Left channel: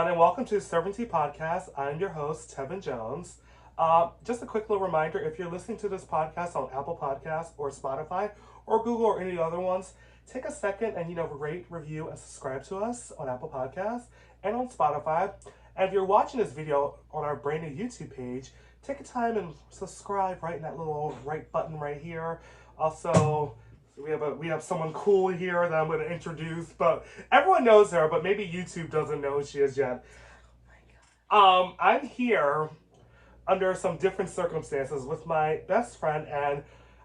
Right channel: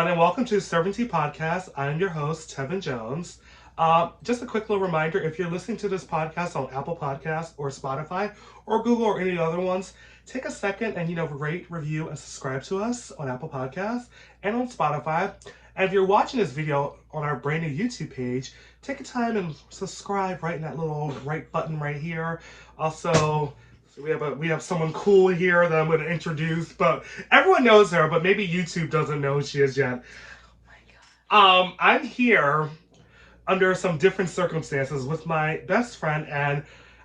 And welcome to Serving Tea Podcast. I'm your host, Tevin Jones. Just a quick little reminder, if you're listening to this podcast on Apple Podcasts or Spotify or Google or any other ones, take a second and, rate, review, and subscribe to us on Apple Podcasts and on Spotify. And if you're watching this video on our brand new YouTube page, take a time and subscribe right in that little right button right here. Also, we have someone cool here that I'm going to introduce, but everyone knows her, but maybe YouTube doesn't know who she is yet. Oh my God. I'm here under some different circumstances with my best friend, and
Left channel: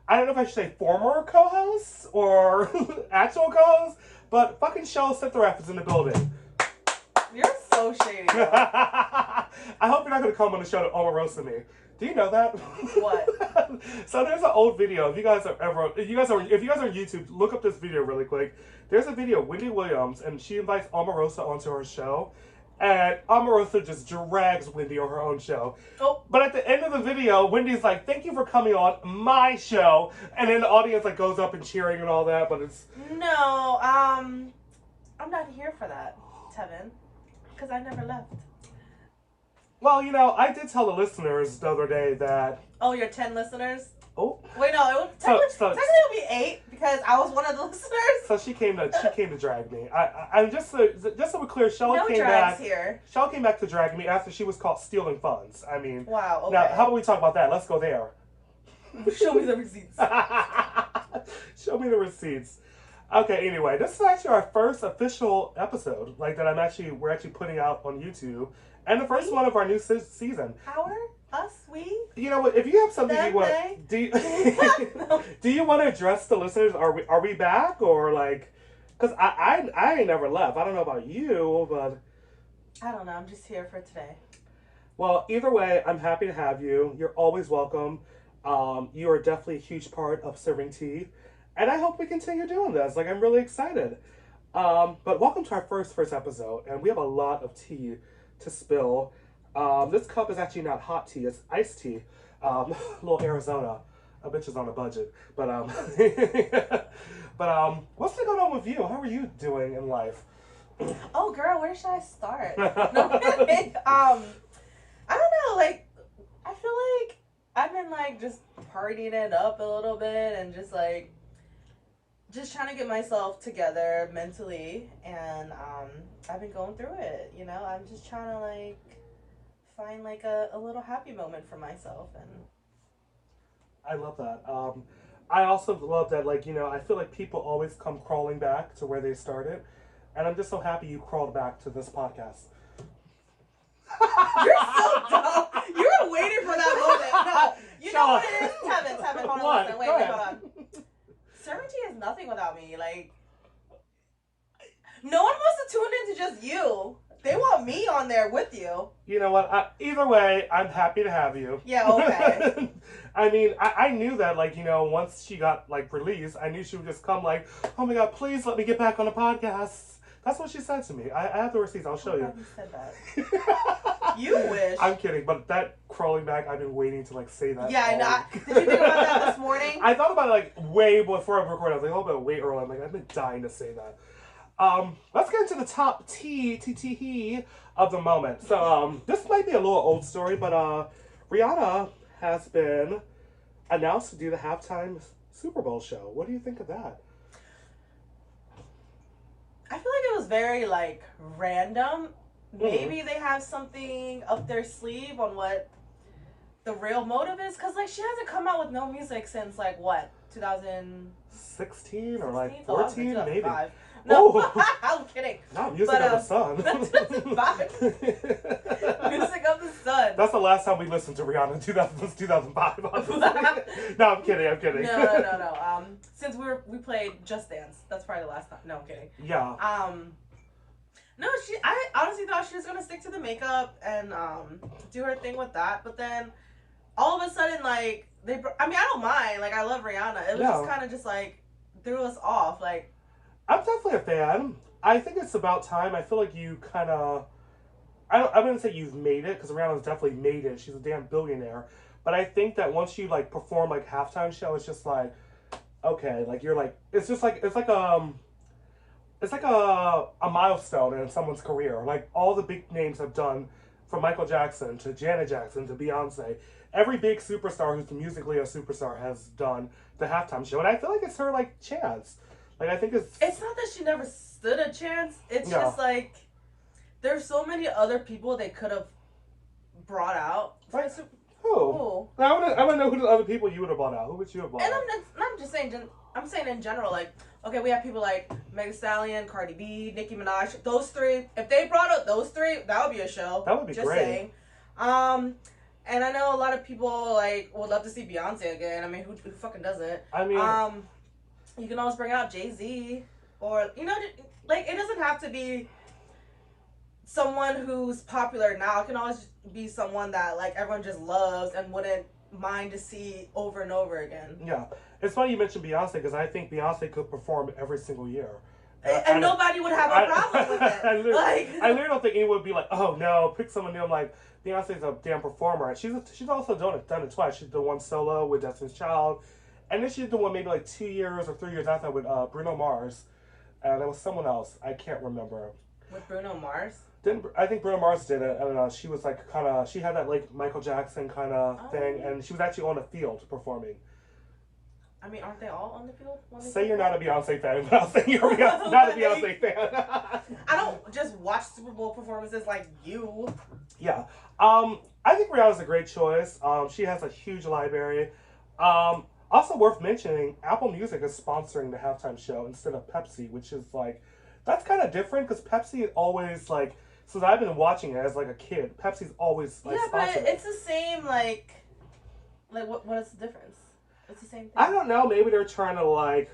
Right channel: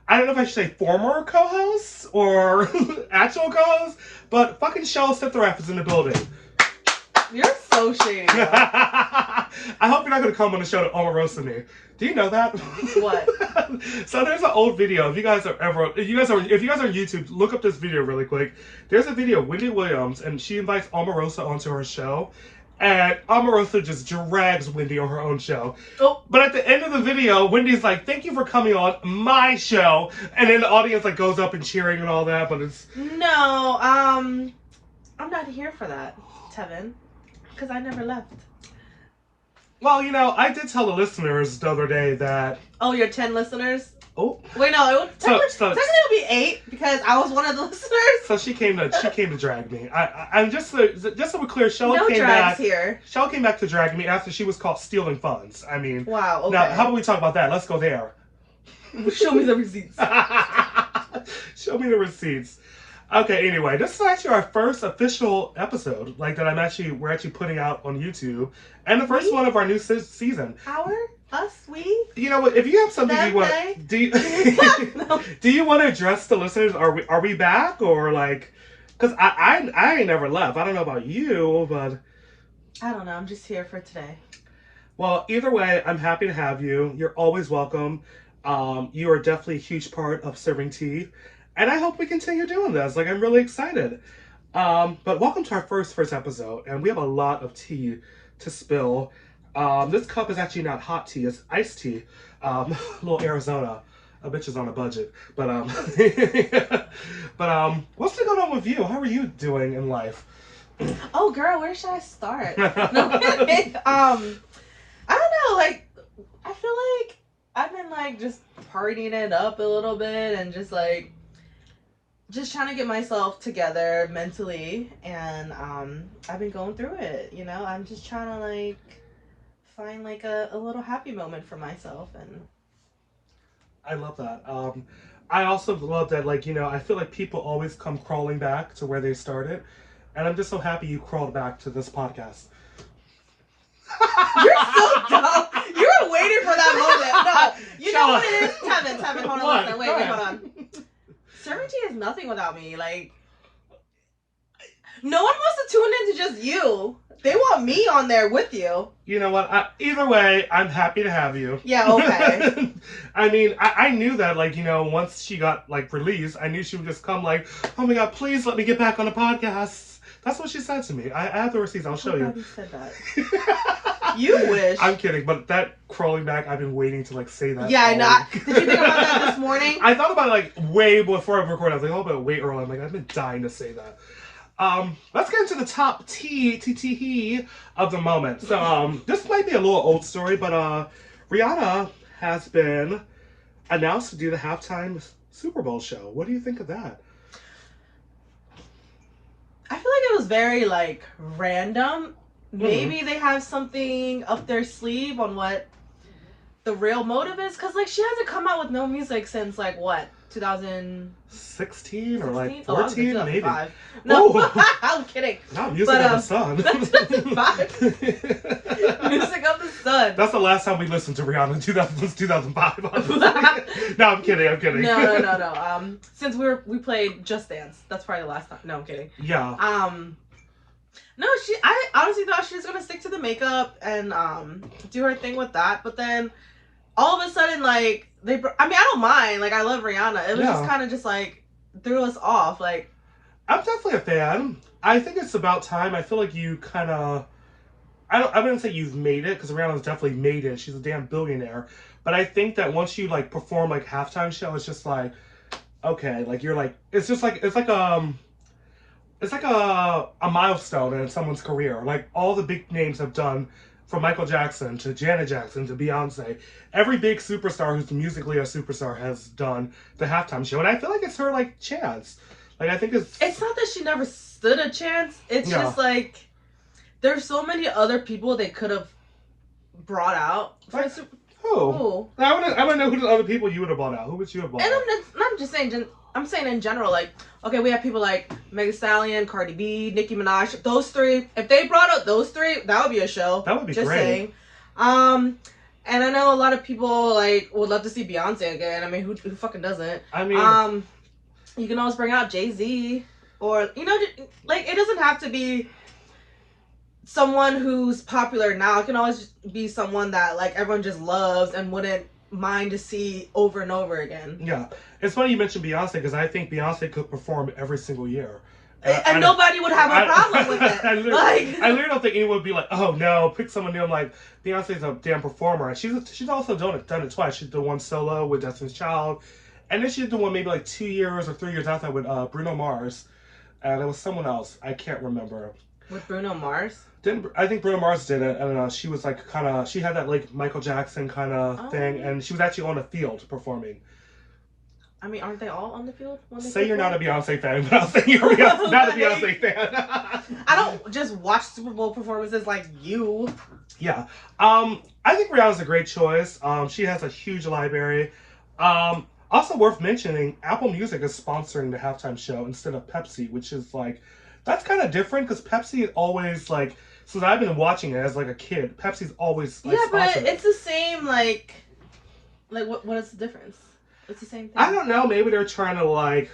I don't know if I should say former co-host or actual co-host, but fucking Shella and Tevin is in the building. You're so shady. I hope you're not going to come on the show to Omarosa me. Do you know that? What? So there's an old video. If you guys are on YouTube, look up this video really quick. There's a video of Wendy Williams, and she invites Omarosa onto her show, and Omarosa just drags Wendy on her own show. Oh. But at the end of the video, Wendy's like, "Thank you for coming on my show," and then the audience like goes up and cheering and all that. But it's I'm not here for that, Tevin, because I never left. Well, I did tell the listeners the other day that... Oh, your 10 listeners? Oh. Wait, no, it would technically it'll be 8 because I was one of the listeners. So she came to drag me. I'm just so we're clear, Shella came drags back. Here. Shella came back to drag me after she was caught stealing funds. I mean, wow. Okay. Now, how about we talk about that? Let's go there. Show me the receipts. Show me the receipts. Okay, anyway, this is actually our first official episode, like that we're actually putting out on YouTube, and the first one of our new season. We? You know what? If you have something you want, No. Do you want to address the listeners? Are we back or like? Because I ain't never left. I don't know about you, but I don't know. I'm just here for today. Well, either way, I'm happy to have you. You're always welcome. You are definitely a huge part of Serving Tea. And I hope we continue doing this. Like, I'm really excited. But welcome to our first episode. And we have a lot of tea to spill. This cup is actually not hot tea. It's iced tea. A little Arizona. A bitch is on a budget. But, what's been going on with you? How are you doing in life? Oh, girl, where should I start? No kidding. I don't know. Like, I feel like I've been, like, just partying it up a little bit and just trying to get myself together mentally, and I've been going through it, I'm just trying to find a little happy moment for myself. And I love that. I also love that, I feel like people always come crawling back to where they started, and I'm just so happy you crawled back to this podcast. You're so dumb. You were waiting for that moment. No, you know what it is? Tevin, hold on, listen. Wait, hold on. Serving Tea is nothing without me. No one wants to tune into just you. They want me on there with you. You know what? Either way, I'm happy to have you. Yeah, okay. I mean, I knew that, once she got, released, I knew she would just come "Oh my God, please let me get back on the podcast." That's what she said to me. I have the receipts. I'll show you. You said that. You wish. I'm kidding, but that crawling back, I've been waiting to say that. Yeah, I know. Did you think about that this morning? I thought about it way before I recorded. I was like, oh, but wait, early. I'm I've been dying to say that. Let's get into the top tea of the moment. So, this might be a little old story, but Rihanna has been announced to do the halftime Super Bowl show. What do you think of that? I feel like it was very random. Maybe they have something up their sleeve on what the real motive is, because she hasn't come out with no music since 2016 or 14, maybe. No, I'm kidding. Not Music of the Sun. 2005. Music of the Sun. That's the last time we listened to Rihanna. 2005. No, I'm kidding. No. Since we played Just Dance, that's probably the last time. No, I'm kidding. Yeah. No, I honestly thought she was gonna stick to the makeup and do her thing with that, but then all of a sudden I don't mind. I love Rihanna. It was just kind of threw us off. I'm definitely a fan. I think it's about time. I feel like you kind of... I wouldn't say you've made it, because Rihanna's definitely made it. She's a damn billionaire. But I think that once you, perform, halftime show, it's just okay. You're, it's just it's it's like a milestone in someone's career. Like all the big names have done, from Michael Jackson to Janet Jackson to Beyonce. Every big superstar who's musically a superstar has done the halftime show, and I feel like it's her like chance. Like I think it's not that she never stood a chance. It's Yeah. just like there's so many other people they could have brought out. Like, who? Who? I want to know who the other people you would have brought out. Who would you have brought And out? I'm just saying. I'm saying in general, like, okay, we have people like Megan Thee Stallion, Cardi B, Nicki Minaj. Those three. If they brought out those three, that would be a show. That would be just great. saying. And I know a lot of people like would love to see Beyonce again. I mean, who fucking doesn't? I mean, you can always bring out Jay-Z, or like it doesn't have to be someone who's popular now. It can always be someone that like everyone just loves and wouldn't mind to see over and over again. yeah. It's funny you mentioned Beyonce because I think Beyonce could perform every single year. And nobody would have a problem with it. I literally don't think anyone would be like, oh no, pick someone new. I'm like, Beyonce's a damn performer. And she's also done it twice. She did one solo with Destiny's Child. And then she did the one maybe like 2 years or 3 years after with Bruno Mars. And it was someone else. I can't remember. With Bruno Mars? I think Bruno Mars did it. I don't know. She was like she had that like Michael Jackson kind of thing. And she was actually on the field performing. I mean, aren't they all on the field? Say you're not a Beyonce fan, but I'll say you're not a Beyonce fan. I don't just watch Super Bowl performances like you. Yeah. I think Rihanna's a great choice. She has a huge library. Also worth mentioning, Apple Music is sponsoring the halftime show instead of Pepsi, which is like, that's kind of different because Pepsi is always like, since I've been watching it as like a kid, Pepsi's always like but it's the same like what is the difference? It's the same thing. I don't know. Maybe they're trying to like,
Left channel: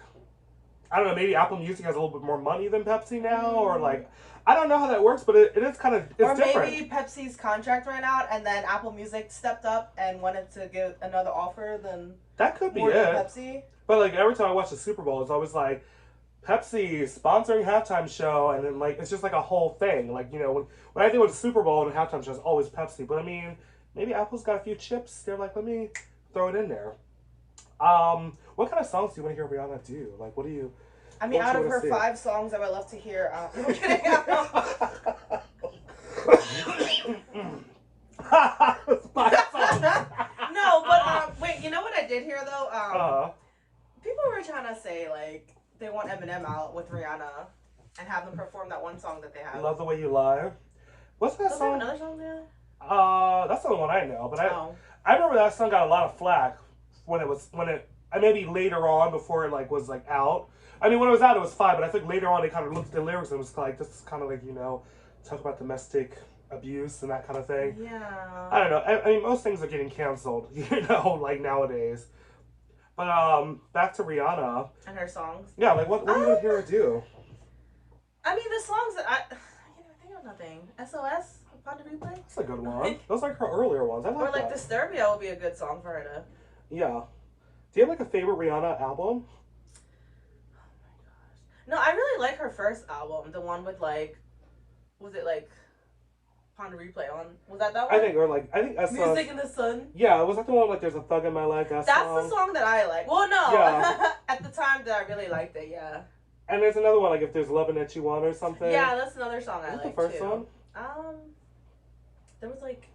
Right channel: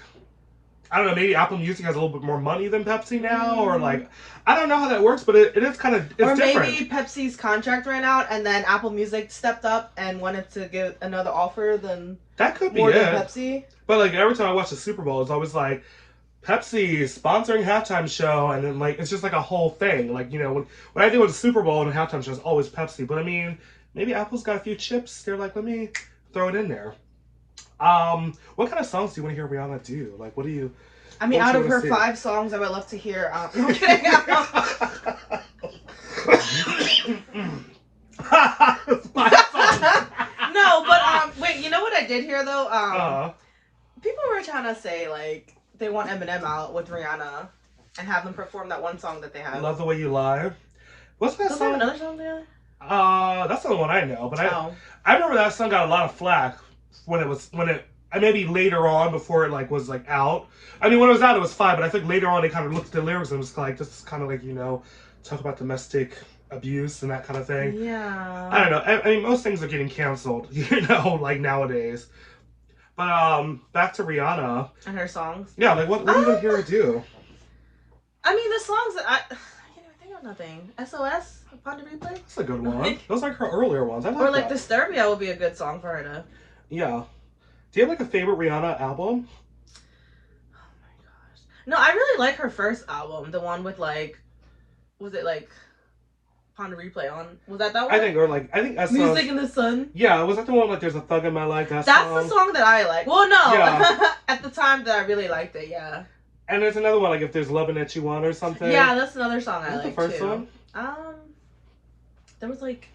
I don't know. Maybe Apple Music has a little bit more money than Pepsi now, or like, I don't know how that works. But it is kind of it's different. Maybe Pepsi's contract ran out, and then Apple Music stepped up and wanted to give another offer than that could be more than it. Pepsi. But like every time I watch the Super Bowl, it's always like Pepsi sponsoring halftime show, and then like it's just like a whole thing. Like when I think of the Super Bowl and a halftime show, it's always Pepsi. But I mean, maybe Apple's got a few chips. They're like, let me throw it in there. What kind of songs do you want to hear Rihanna do? Like, what do you? I mean, out of her 5 songs, I would love to hear. No, I'm kidding. No, but wait. You know what I did hear though? People were trying to say like they want Eminem out with Rihanna and have them perform that one song that they have. Love the Way You Lie. What's that song? Another song there? That's the only one I know. But I remember that song got a lot of flack when it maybe later on before it like was like out. I mean, when it was out, it was fine, but I think later on they kind of looked at the lyrics and it was like just kind of like talk about domestic abuse and that kind of thing. Yeah. I don't know. I mean, most things are getting canceled, like nowadays. But back to Rihanna and her songs. Yeah, like what do you want to hear her do? I mean, the songs that I can't even think of nothing. SOS. Upon the Replay? That's a good one. Those are like her earlier ones. I like or like that. Disturbia would be a good song for her to. Yeah. Do you have like a favorite Rihanna album? Oh my gosh. No, I really like her first album. The one with like, was it like Upon the Replay on? Was that one? I think that's Music in the Sun. Yeah, was that the one like There's a Thug in My Life? That's the song that I like. Well, no. Yeah. At the time that I really liked it, yeah. And there's another one like If There's Loving That You Want or something. Yeah, that's another song I like like the first too. one? There was like,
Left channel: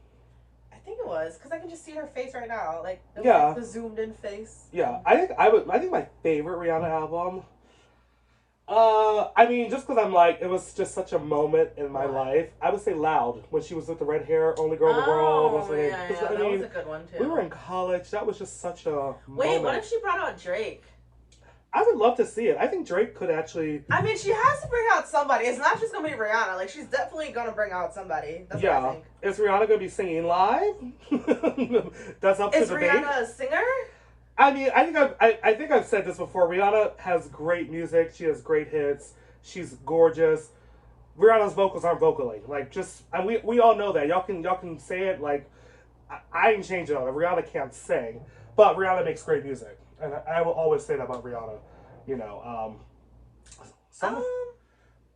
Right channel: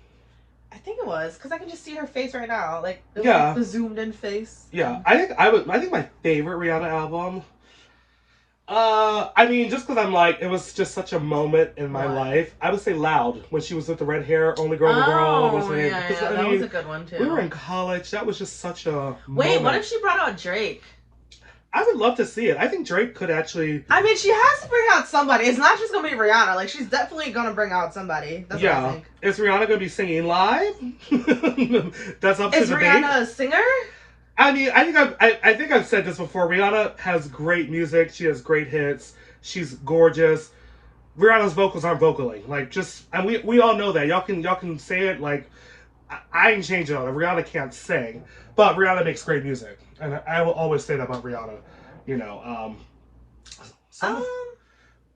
I think it was because I can just see her face right now, like the zoomed in face. Yeah, I think my favorite Rihanna album. I mean, just because I'm like, it was just such a moment in my life. I would say Loud when she was with the red hair, Only Girl in the World. That was a good one too. We were in college. That was just such a Wait, moment. what if she brought out Drake? I would love to see it. I think Drake could actually. I mean, she has to bring out somebody. It's not just gonna be Rihanna. Like, she's definitely gonna bring out somebody. That's what I think. Is Rihanna gonna be singing live? That's up to debate. Is Rihanna a singer? I mean, I think I've said this before. Rihanna has great music. She has great hits. She's gorgeous. Rihanna's vocals aren't vocaling. Like, and we all know that. Y'all can say it. Like, I ain't changing on it. Rihanna can't sing, but Rihanna makes great music. And I will always say that about Rihanna,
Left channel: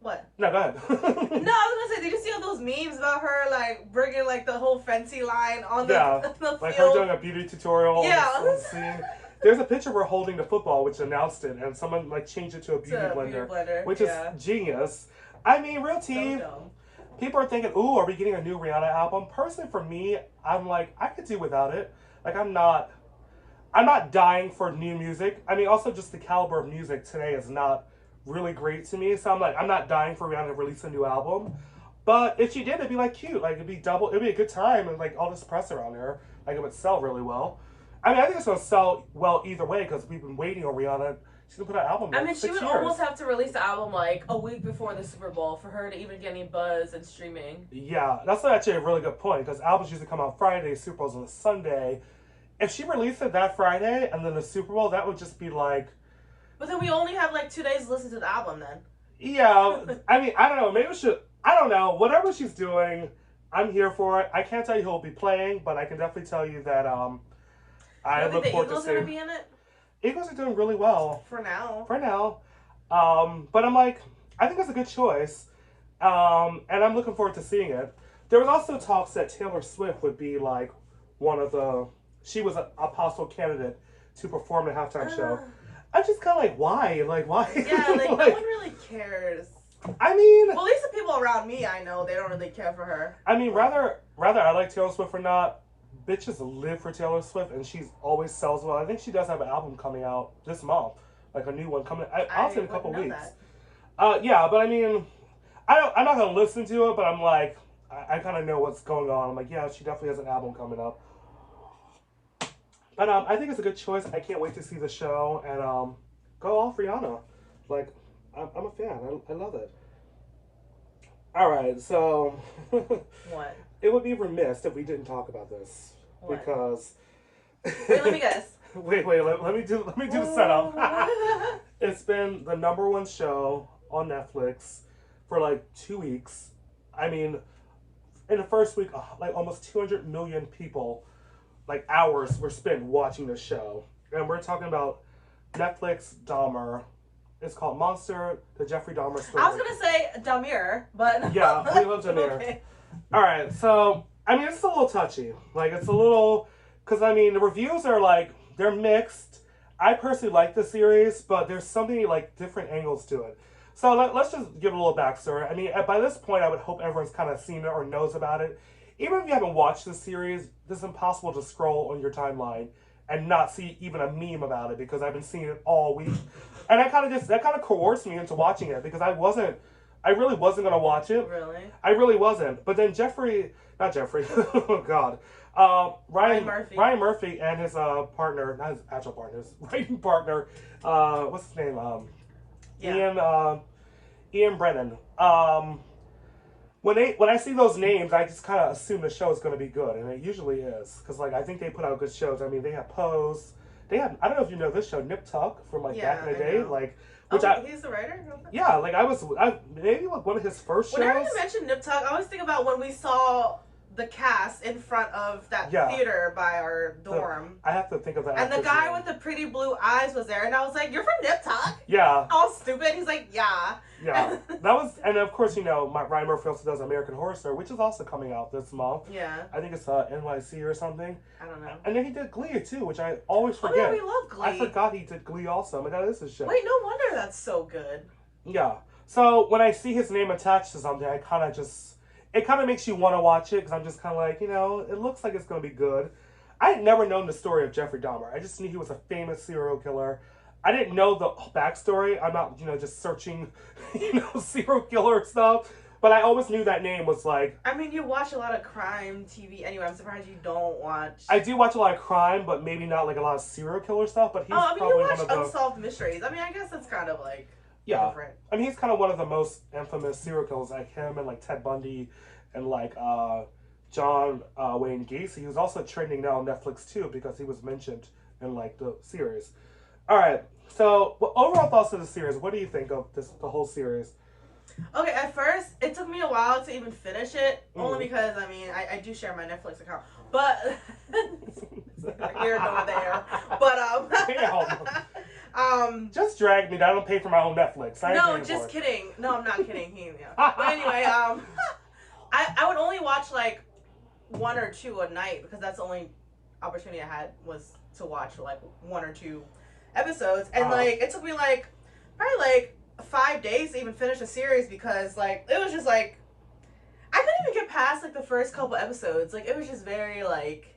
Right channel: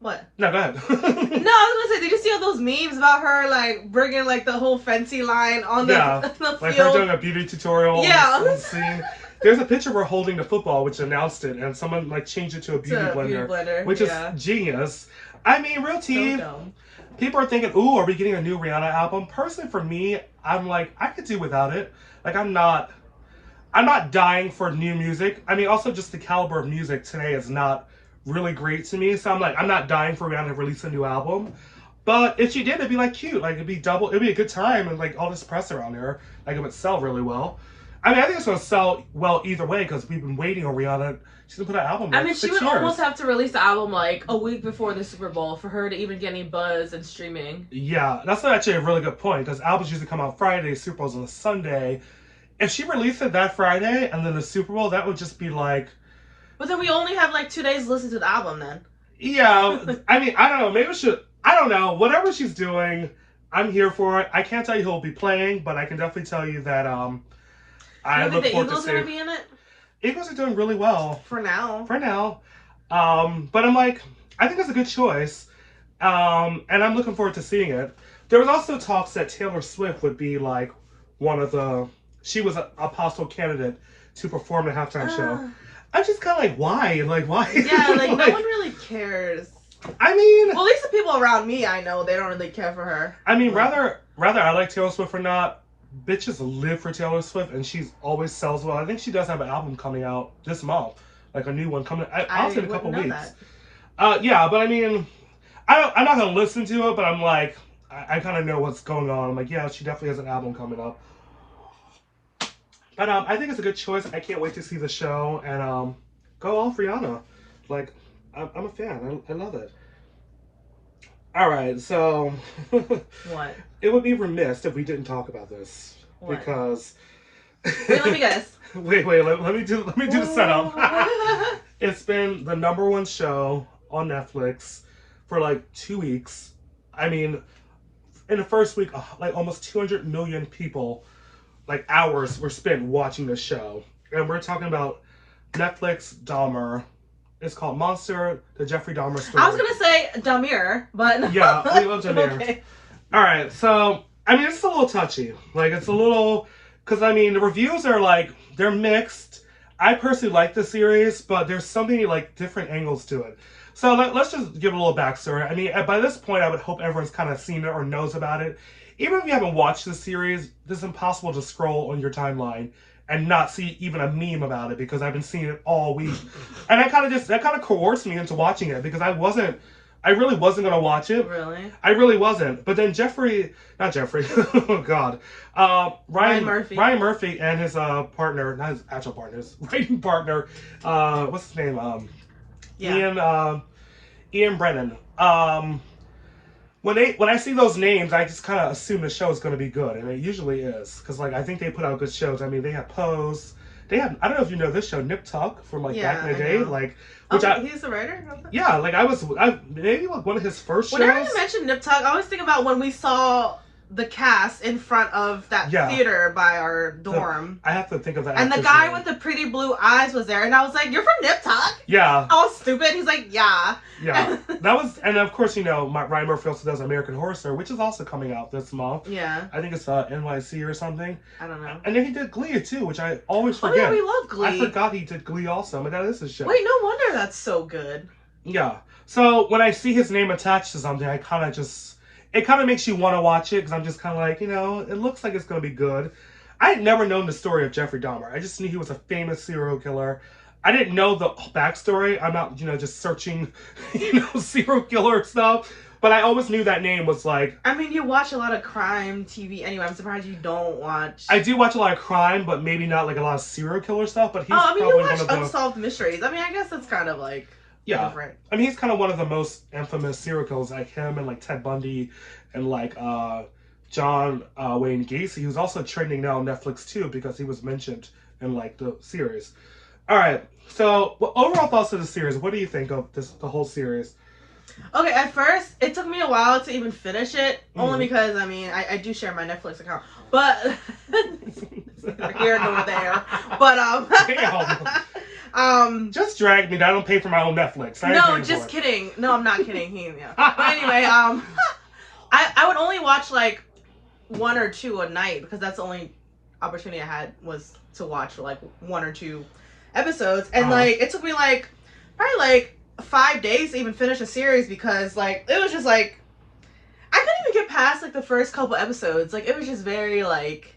What? No, go ahead. No, I was gonna say, did you see all those memes about her like bringing like the whole fancy line on the field? Like her doing a beauty tutorial. Yeah. On the scene. There's a picture of her holding the football, which announced it, and someone like changed it to a beauty blender, which is genius. I mean, real tea. So people are thinking, "Ooh, are we getting a new Rihanna album?" Personally, for me, I'm like, I could do without it. Like, I'm not dying for new music. I mean, also just the caliber of music today is not really great to me. So I'm like, I'm not dying for Rihanna to release a new album. But if she did, it'd be like cute. Like it'd be a good time, and like all this press around her, like it would sell really well. I mean, I think it's gonna sell well either way because we've been waiting on Rihanna. She's gonna put an album. I mean, she would almost have to release the album like a week before the Super Bowl for her to even get any buzz and streaming. Yeah, that's actually a really good point because albums usually come out Friday, Super Bowl's on a Sunday. If she released it that Friday and then the Super Bowl, that would just be like. But then we only have like 2 days to listen to the album then. Yeah, I mean, I don't know. Maybe we should. I don't know. Whatever she's doing, I'm here for it. I can't tell you who'll be playing, but I can definitely tell you that I look forward to seeing. The Eagles are gonna be in it. Eagles are doing really well for now. But I'm like, I think it's a good choice, and I'm looking forward to seeing it. There was also talks that Taylor Swift would be like one of the. She was a possible candidate to perform the halftime show. I'm just kind of like, why? Like, why? Yeah, like no one really cares. I mean, well, at least the people around me, I know they don't really care for her. I mean, rather I like Taylor Swift or not, bitches live for Taylor Swift, and she's always sells well. I think she does have an album coming out this month, like a new one coming. Honestly, in a couple weeks. Yeah, but I mean, I'm not gonna listen to it, but I'm like, I kind of know what's going on. I'm like, yeah, she definitely has an album coming up. But I think it's a good choice. I can't wait to see the show and go all Rihanna. Like, I'm a fan. I love it. All right, so what? It would be remiss if we didn't talk about this because. Wait, let me guess. Wait. Let me do the setup. It's been the #1 show on Netflix for like 2 weeks. I mean, in the first week, like almost 200 million people. Like hours were spent watching this show, and we're talking about Netflix Dahmer. It's called Monster: The Jeffrey Dahmer Story. I was gonna say Dahmer, but yeah, we love Dahmer. Okay. All right, so I mean, it's a little touchy. Like it's a little because I mean the reviews are like they're mixed. I personally like the series, but there's so many like different angles to it. So let's just give a little backstory. I mean, by this point, I would hope everyone's kind of seen it or knows about it. Even if you haven't watched the series, it's impossible to scroll on your timeline and not see even a meme about it because I've been seeing it all week. And that kind of coerced me into watching it because I really wasn't going to watch it. Really? I really wasn't. But then not Jeffrey, oh God. Ryan Murphy and his partner, not his actual partner, his writing partner, what's his name? Ian Brennan. When I see those names, I just kind of assume the show is going to be good, and it usually is, because like I think they put out good shows. I mean, they have Pose, they have I don't know if you know this show, Nip Tuck from like back in the day, like he's the writer. Yeah, like I maybe like one of his first shows. Whenever you mention Nip Tuck, I always think about when we saw the cast in front of that theater by our dorm. I have to think of that. And the guy with the pretty blue eyes was there, and I was like, "You're from Nip Tuck?" Yeah. I was stupid. He's like, "Yeah." Yeah, that was, and of course, you know, Ryan Murphy also does American Horror Story, which is also coming out this month. Yeah. I think it's NYC or something. I don't know. And then he did Glee too, which I always forget. Oh yeah, we love Glee. I forgot he did Glee also, but that is his show. Wait, no wonder that's so good. Yeah. So when I see his name attached to something, it kind of makes you want to watch it because I'm just kind of like, you know, it looks like it's going to be good. I had never known the story of Jeffrey Dahmer. I just knew he was a famous serial killer. I didn't know the backstory. I'm not, you know, just searching, you know, serial killer stuff. But I always knew that name was like... I mean, you watch a lot of crime TV anyway. I'm surprised you don't watch... I do watch a lot of crime, but maybe not like a lot of serial killer stuff. But he's probably you one watch of the... Unsolved Mysteries. I mean, I guess that's kind of like... Yeah. Different. I mean, he's kind of one of the most infamous serial killers, like him and like Ted Bundy and like John Wayne Gacy, who's also trending now on Netflix too because he was mentioned in like the series. All right. So, overall thoughts of the series. What do you think of the whole series? Okay, at first, it took me a while to even finish it. Only because, I mean, I do share my Netflix account. But, here and over there. But, just drag me. I don't pay for my own Netflix. No, just kidding. No, I'm not kidding. But anyway, I would only watch, like, 1 or 2 a night. Because that's only opportunity I had was to watch like 1 or 2 episodes, and Uh-huh. like it took me like probably like 5 days to even finish a series because like it was just like I couldn't even get past like the first couple episodes. Like it was just very like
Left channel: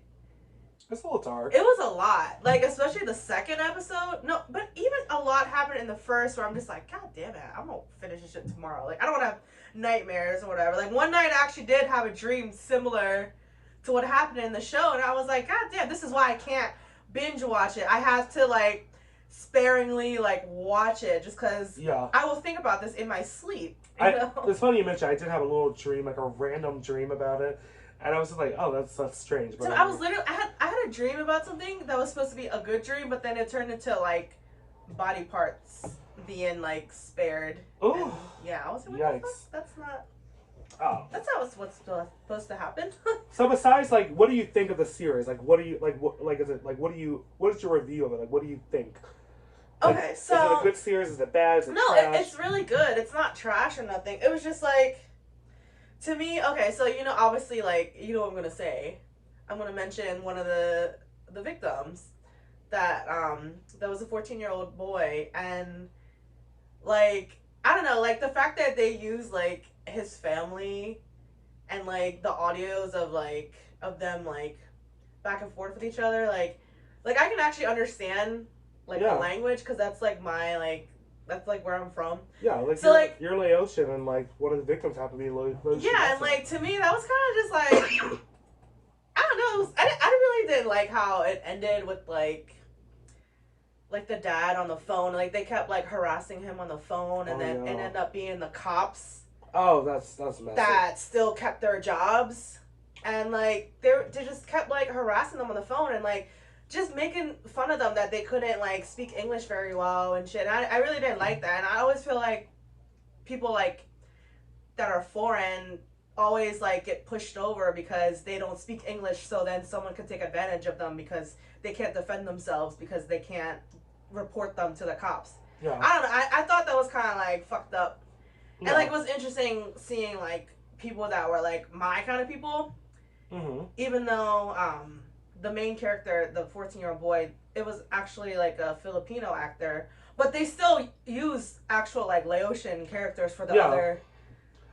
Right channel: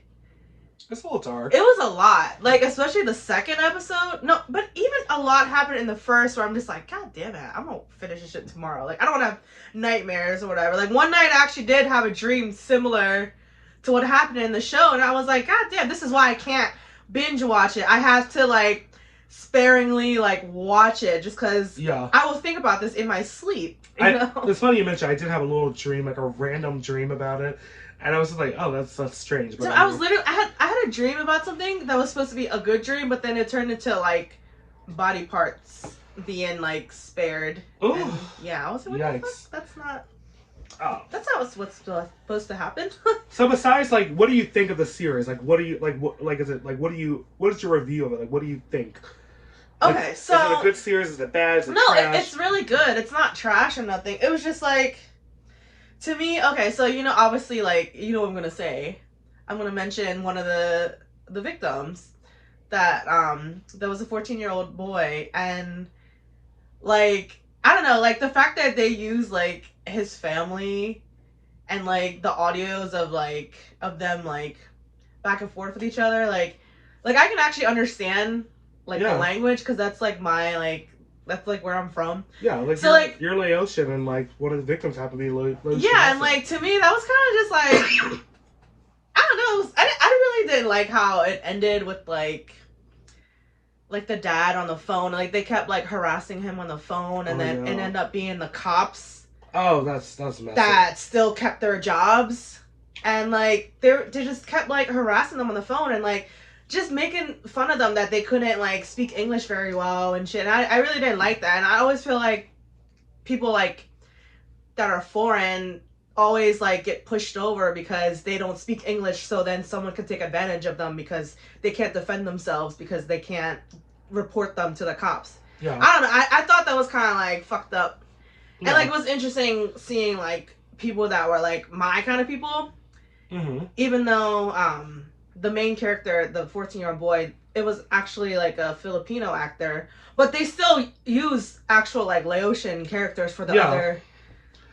It's a little dark. it was a lot. Like especially the second episode. No, but even a lot happened in the first where I'm just like, God damn it, I'm gonna finish this shit tomorrow. Like I don't wanna have nightmares or whatever. Like one night I actually did have a dream similar to what happened in the show, and I was like, God damn, this is why I can't binge watch it. I have to like sparingly like watch it just because Yeah. I will think about this in my sleep. You know? It's funny you mentioned I did have a little dream, like a random dream about it. And I was just like, oh, that's strange. But So I was literally I had a dream about something that was supposed to be a good dream, but then it turned into like body parts being like spared. Ooh. And, yeah, I was like, what the fuck? That's not. Oh. That's not what's supposed to happen. So besides, like, what do you think of the series? Like, what do you like? What is it like? What is your review of it? Like, what do you think? Like, Okay, so is it a good series? Is it bad? Is it no, trash? it's really good. It's not trash or nothing. It was just like, to me, okay, so you know, obviously, like, you know what I'm gonna say. I'm gonna mention one of the victims that there was a 14-year-old boy, and like I don't know, like the fact that they use like his family and like the audios of them like back and forth with each other, like I can actually understand like Yeah. the language because that's like my like that's like where I'm from. Yeah, like, So, like- you're Laotian, and like one of the victims happened to be Laotian. Yeah, and also. like to me that was kind of just like I don't know. I really didn't like how it ended with like the dad on the phone. Like they kept like harassing him on the phone, and then it ended up being the cops Oh, that's messy. that still kept their jobs, and like they just kept like harassing them on the phone and like just making fun of them that they couldn't like speak English very well and shit. And I really didn't like that, and I always feel like people like that are foreign always like get pushed over because they don't speak English, so then someone could take advantage of them because they can't defend themselves because they can't report them to the cops. Yeah. I don't know. I thought that was kind of like fucked up. Yeah. And like it was interesting seeing like people that were like my kind of people. Mm-hmm. Even though the main character, the 14-year-old boy, it was actually like a Filipino actor, but they still use actual like Laotian characters for the other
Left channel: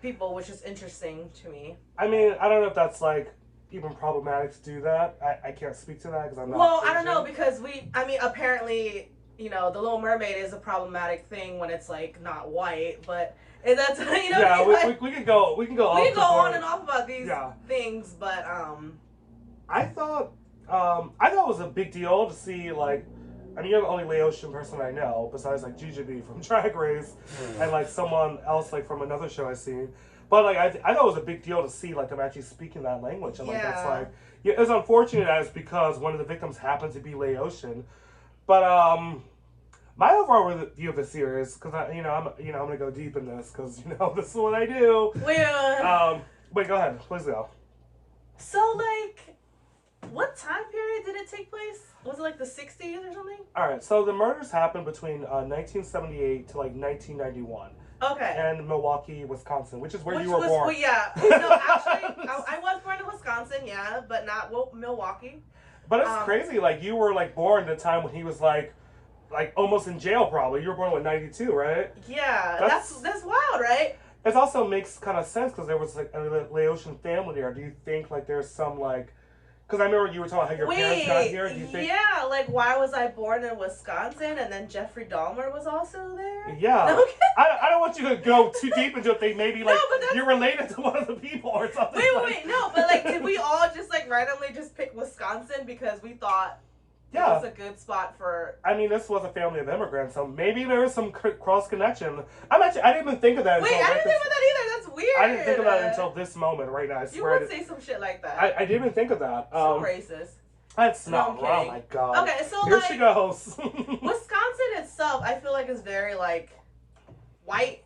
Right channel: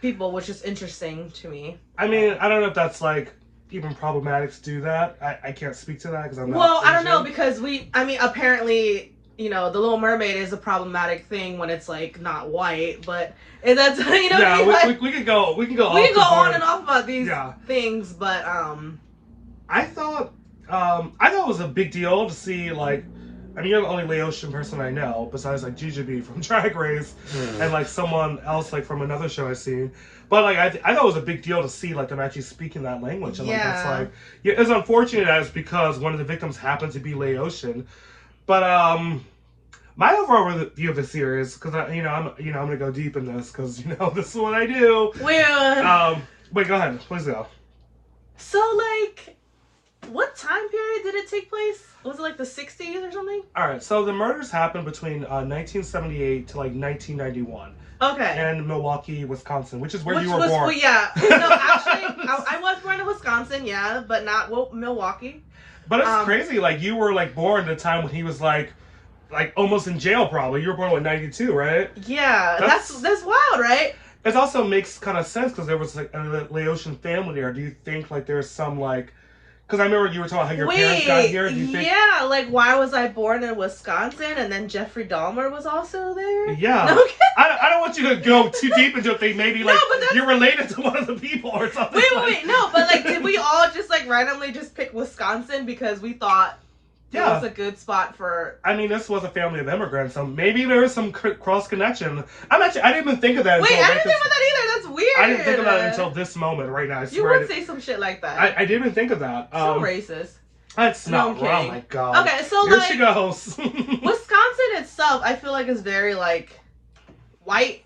people, which is interesting to me. I mean, I don't know if that's like even problematic to do that. I can't speak to that because I'm not. Well, I don't Asian. know because apparently, you know, the Little Mermaid is a problematic thing when it's like not white, but and that's you know. Yeah, what I mean? we can go. We can go. We off can go the board. on and off about these Yeah. things, but I thought it was a big deal to see like. I mean, you're the only Laotian person I know besides like Jujubee from Drag Race and like someone else like from another show I've seen. But like I thought it was a big deal to see like them actually speaking that language, and like that's like it's unfortunate that it's because one of the victims happened to be Laotian. But my overall review of the series, because I'm gonna go deep in this because this is what I do. Wait, go ahead, please go. So like, what time period did it take place? Was it like the 60s or something? All right, so the murders happened between 1978 to like 1991. Okay. In Milwaukee, Wisconsin, which is where you were born. Well, yeah. No, actually, I was born in Wisconsin, yeah, but not Milwaukee. But it's crazy. Like you were like born at a time when he was like almost in jail. Probably you were born in 92, right? Yeah, that's wild, right? It also makes kind of sense because there was like a Laotian family there. Do you think like there's some like? Because I remember you were talking about how your parents got here. Do you think? Yeah, like why was I born in Wisconsin and then Jeffrey Dahmer was also there? Yeah. Okay. I don't want you to go too deep into it. They maybe like No, but you're related to one of the people or something. Wait. No, but like, did we all just like randomly just pick Wisconsin because we thought it was a good spot for? I mean, this was a family of immigrants, so maybe there is some cross connection. I didn't even think of that. Wait, I didn't think about that either. That's weird. I didn't think of that until this moment right now. I You swear would say some shit like that. I didn't even think of that. So racist. That's No, not. I'm Oh kidding. my god. Okay, so here like she goes. Wisconsin itself, I feel like is very like white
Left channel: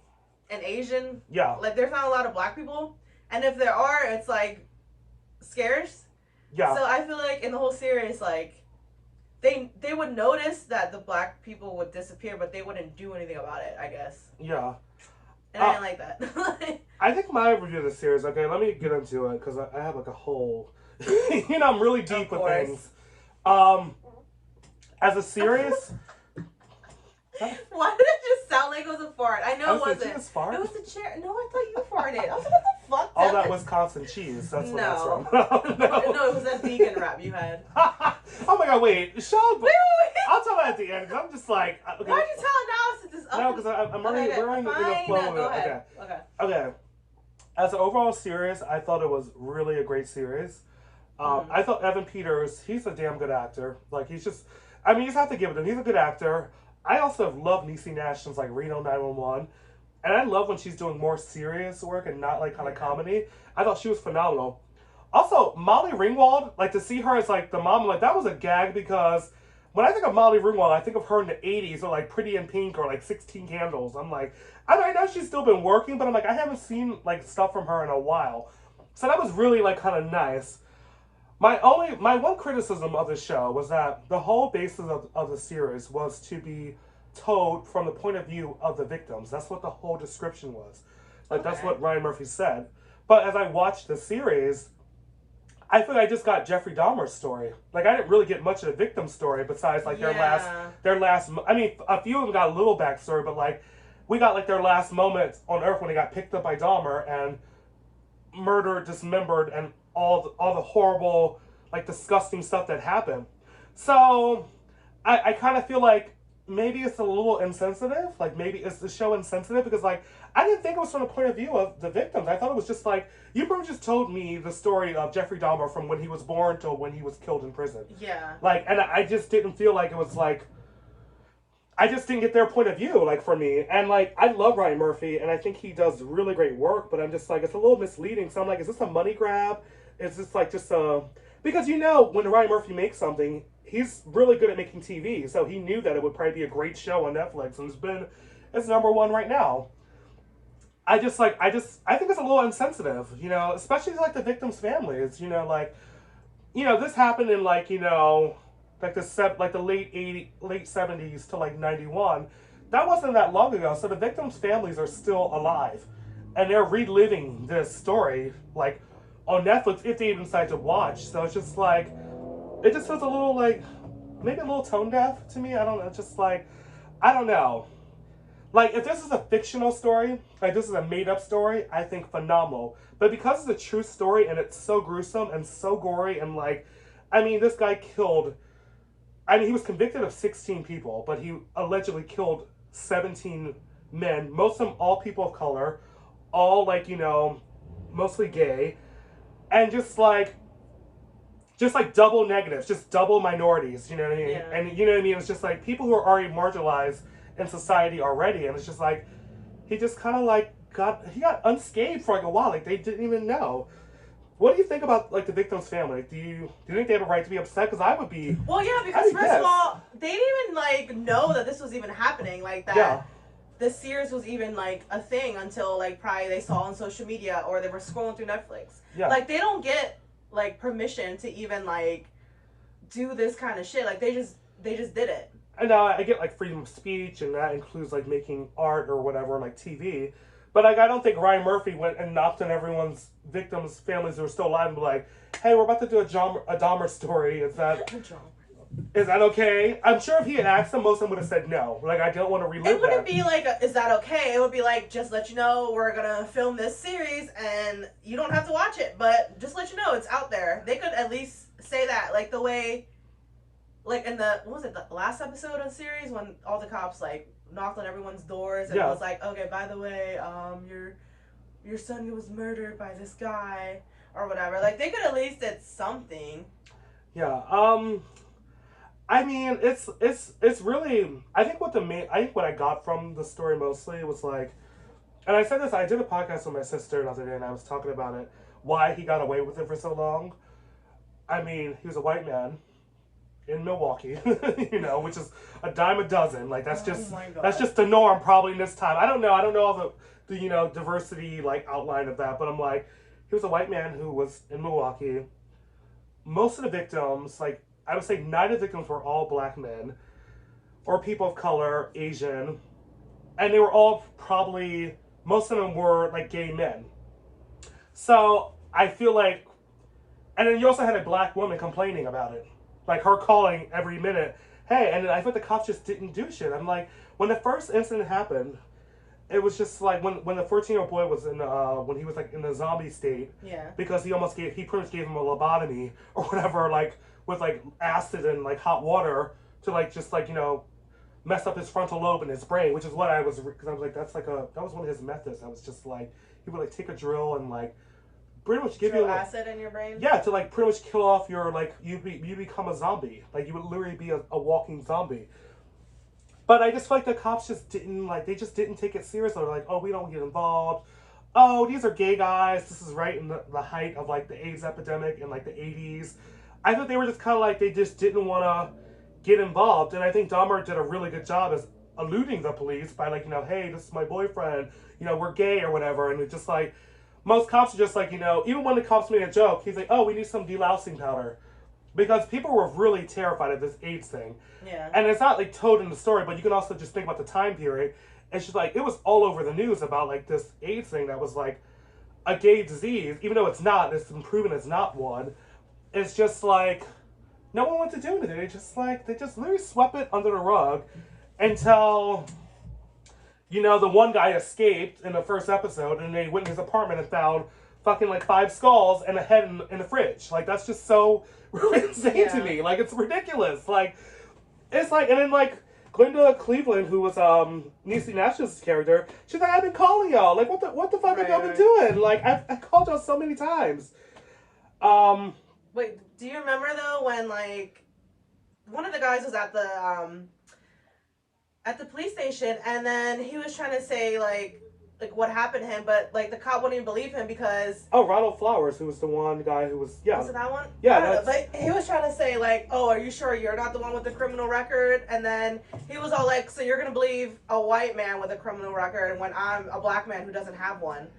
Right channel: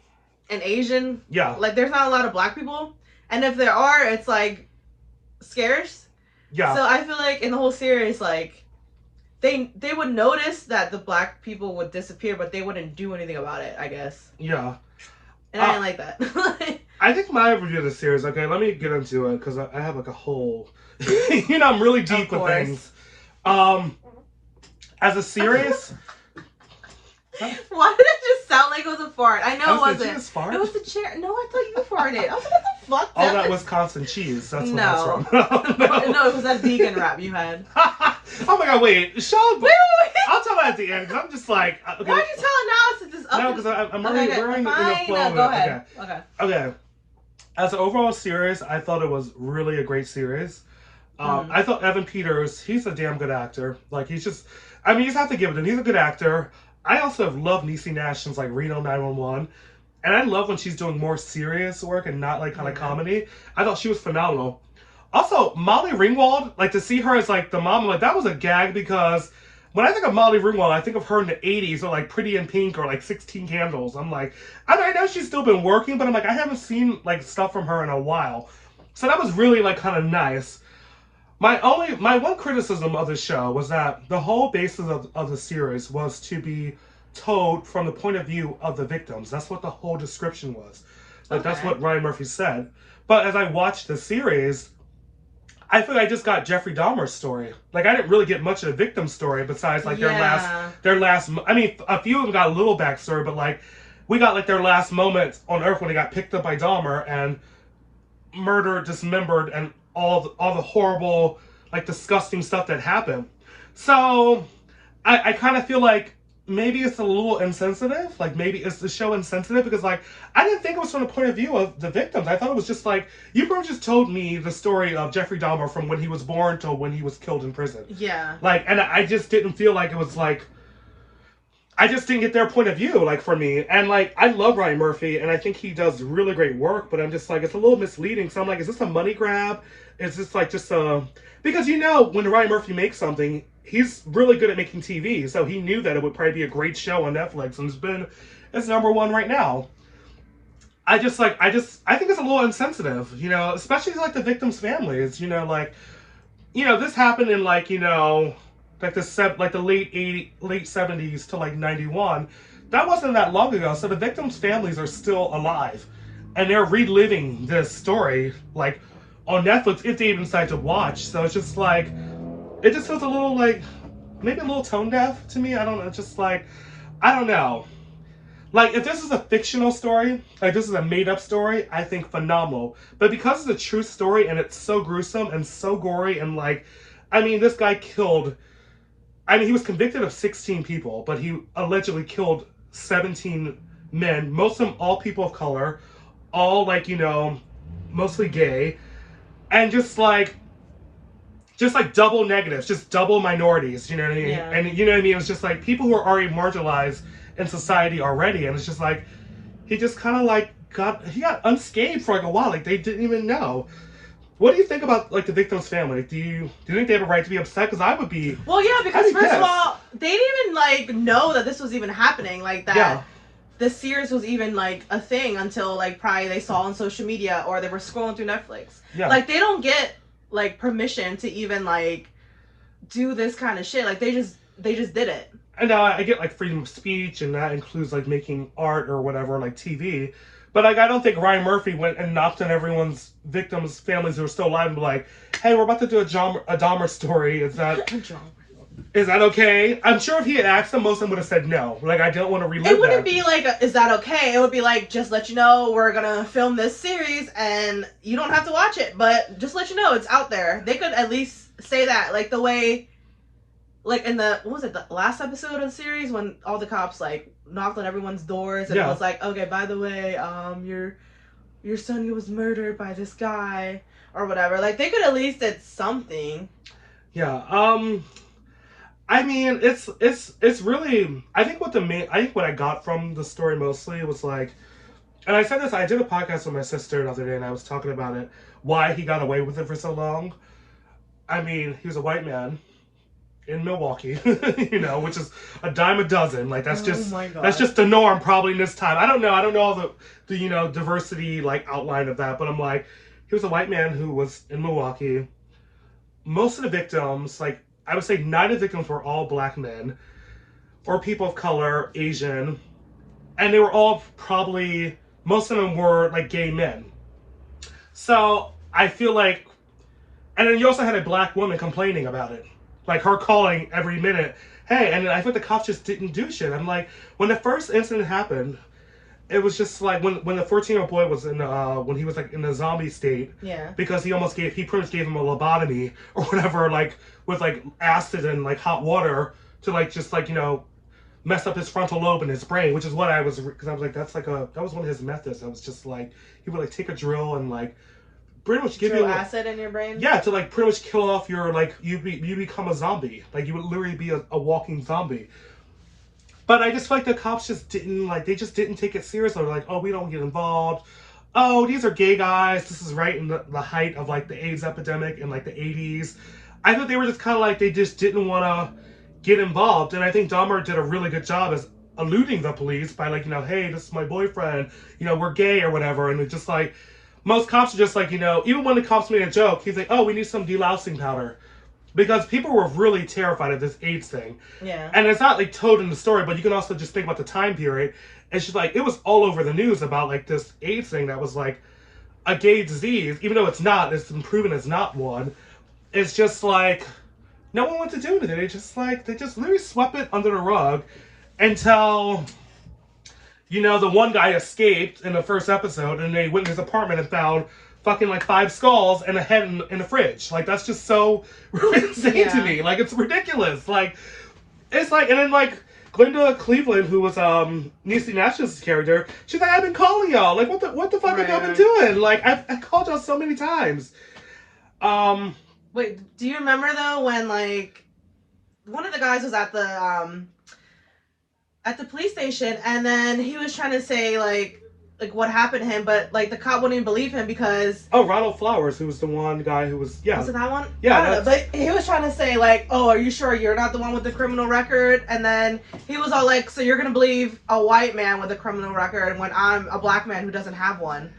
and Asian. Yeah. Like there's not a lot of black people, and if there are, it's like scarce. Yeah. So I feel like in the whole series, like they would notice that the black people would disappear, but they wouldn't do anything about it, I guess. Yeah. And I didn't like that. I think my review of the series. Okay, let me get into it because I have like a whole. I'm really deep with things. As a series, Why did it just sound like it was a fart? I know it wasn't. Did you just fart? It was the chair. No, I thought you farted. I was like, what the fuck? All that Wisconsin cheese. That's what that's from. No, it was that vegan wrap you had. Oh my god, wait. Sean, Wait. I'll tell that at the end, because I'm just like... Okay. Why'd you tell it now since it's up? No, because I'm already in the flow of it. Go ahead. Okay. As an overall series, I thought it was really a great series. I thought Evan Peters, he's a damn good actor. Like, he's just... I mean, you just have to give it to him. He's a good actor. I also have loved Niecy Nash since, like, Reno 911. And I love when she's doing more serious work and not, like, kind of comedy. I thought she was phenomenal. Also, Molly Ringwald, like, to see her as, like, the mom, like, that was a gag, because when I think of Molly Ringwald, I think of her in the 80s, or, like, Pretty in Pink, or, like, 16 Candles. I'm like, I know she's still been working, but I'm like, I haven't seen, like, stuff from her in a while. So that was really, like, kind of nice. My one criticism of the show was that the whole basis of the series was to be told from the point of view of the victims. That's what the whole description was. Like, that's what Ryan Murphy said. But as I watched the series, I feel like I just got Jeffrey Dahmer's story. Like, I didn't really get much of the victim story besides, like, their last, I mean, a few of them got a little backstory, but, like, we got, like, their last moments on Earth when they got picked up by Dahmer and murdered, dismembered, and all the horrible, like, disgusting stuff that happened. So, I kind of feel like maybe it's a little insensitive. Like, maybe it's the show insensitive, because, like, I didn't think it was from the point of view of the victims. I thought it was just like, you pretty much just told me the story of Jeffrey Dahmer from when he was born to when he was killed in prison. Yeah. Like, and I just didn't feel like it was, like, I just didn't get their point of view, like, for me. And, like, I love Ryan Murphy, and I think he does really great work, but I'm just like, it's a little misleading. So I'm like, is this a money grab? Is this, like, just a... Because, you know, when Ryan Murphy makes something, he's really good at making TV, so he knew that it would probably be a great show on Netflix, and it's #1 right now. I think it's a little insensitive, you know, especially, like, the victims' families, you know, like, you know, this happened in, like, you know... like the late 70s to, like, 91. That wasn't that long ago, so the victims' families are still alive, and they're reliving this story, like, on Netflix, if they even decide to watch. So it's just like, it just feels a little, like, maybe a little tone deaf to me. I don't know, just like, I don't know. Like, if this is a fictional story, like, this is a made-up story, I think phenomenal. But because it's a true story, and it's so gruesome and so gory, and, like, I mean, this guy killed... I mean, he was convicted of 16 people, but he allegedly killed 17 men, most of them all people of color, all, like, you know, mostly gay, and just like double negatives, just double minorities, you know what I mean? Yeah. And you know what I mean? It's just like people who are already marginalized in society already, and it's just like, he just kind of like got unscathed for, like, a while, like, they didn't even know. What do you think about, like, the victim's family? Do you think they have a right to be upset? Because I would be. Well, yeah, because first of all, they didn't even, like, know that this was even happening, like, that the series was even, like, a thing until, like, probably they saw on social media or they were scrolling through Netflix. Yeah. Like, they don't get, like, permission to even, like, do this kind of shit. Like, they just did it. And now I get, like, freedom of speech, and that includes, like, making art or whatever, like, TV. But, like, I don't think Ryan Murphy went and knocked on everyone's victims' families who are still alive and be like, hey, we're about to do a Dahmer story. Is that okay? I'm sure if he had asked them, most of them would have said no. Like, I don't want to relive that. It wouldn't be like, is that okay? It would be like, just let you know, we're going to film this series, and you don't have to watch it. But just let you know, it's out there. They could at least say that. Like, the way, like, in the, what was it, the last episode of the series, when all the cops, like, knocked on everyone's doors, and it was like, okay, by the way, your son was murdered by this guy, or whatever. Like, they could at least did something. Yeah. I mean, it's really, I think what I got from the story mostly was, like, and I said this, I did a podcast with my sister the other day, and I was talking about it, why he got away with it for so long. I mean, he was a white man in Milwaukee, you know, which is a dime a dozen. Like, that's just the norm probably in this time. I don't know the you know, diversity, like, outline of that, but I'm like, he was a white man who was in Milwaukee. Most of the victims, like, I would say 9 of the victims were all black men or people of color, Asian, and they were all probably, most of them were, like, gay men. So I feel like, and then you also had a black woman complaining about it. Like her calling every minute, hey, and I thought the cops just didn't do shit. I'm like, when the first incident happened, it was just like when the 14-year-old boy was in when he was like in the zombie state, Yeah. because he pretty much gave him a lobotomy or whatever, like with like acid and like hot water to like just like mess up his frontal lobe in his brain, which is what I was, because I was like, that was one of his methods. I was just like, he would like take a drill and like pretty much give you acid in your brain. Yeah, to like pretty much kill off your like you become a zombie. Like you would literally be a walking zombie. But I just feel like the cops just didn't take it seriously. They're like, oh, we don't get involved. Oh, these are gay guys. This is right in the height of like the AIDS epidemic in like the 80s. I thought they were just kind of like, they just didn't want to get involved. And I think Dahmer did a really good job as eluding the police by like, hey, this is my boyfriend. We're gay or whatever. And it's just like, most cops are just like, even when the cops made a joke, he's like, oh, we need some delousing powder. Because people were really terrified of this AIDS thing. Yeah. And it's not like told in the story, but you can also just think about the time period. It's just like, it was all over the news about like this AIDS thing that was like a gay disease, even though it's not, it's been proven it's not one. It's just like, no one wants to do anything. They just literally swept it under the rug until, the one guy escaped in the first episode, and they went in his apartment and found fucking like 5 skulls and a head in the fridge. Like, that's just so insane to me. Like, it's ridiculous. Like, it's like, and then like Glenda Cleveland, who was Niecy Nash's character, she's like, I've been calling y'all. Like, what the fuck have y'all been doing? Like, I called y'all so many times. Wait, do you remember though when like one of the guys was at the police station, and then he was trying to say like what happened to him, but like the cop wouldn't even believe him because Ronald Flowers, who was the one guy who was Was it that one? Yeah, I don't know, but he was trying to say like, oh, are you sure you're not the one with the criminal record? And then he was all like, so you're gonna believe a white man with a criminal record when I'm a black man who doesn't have one?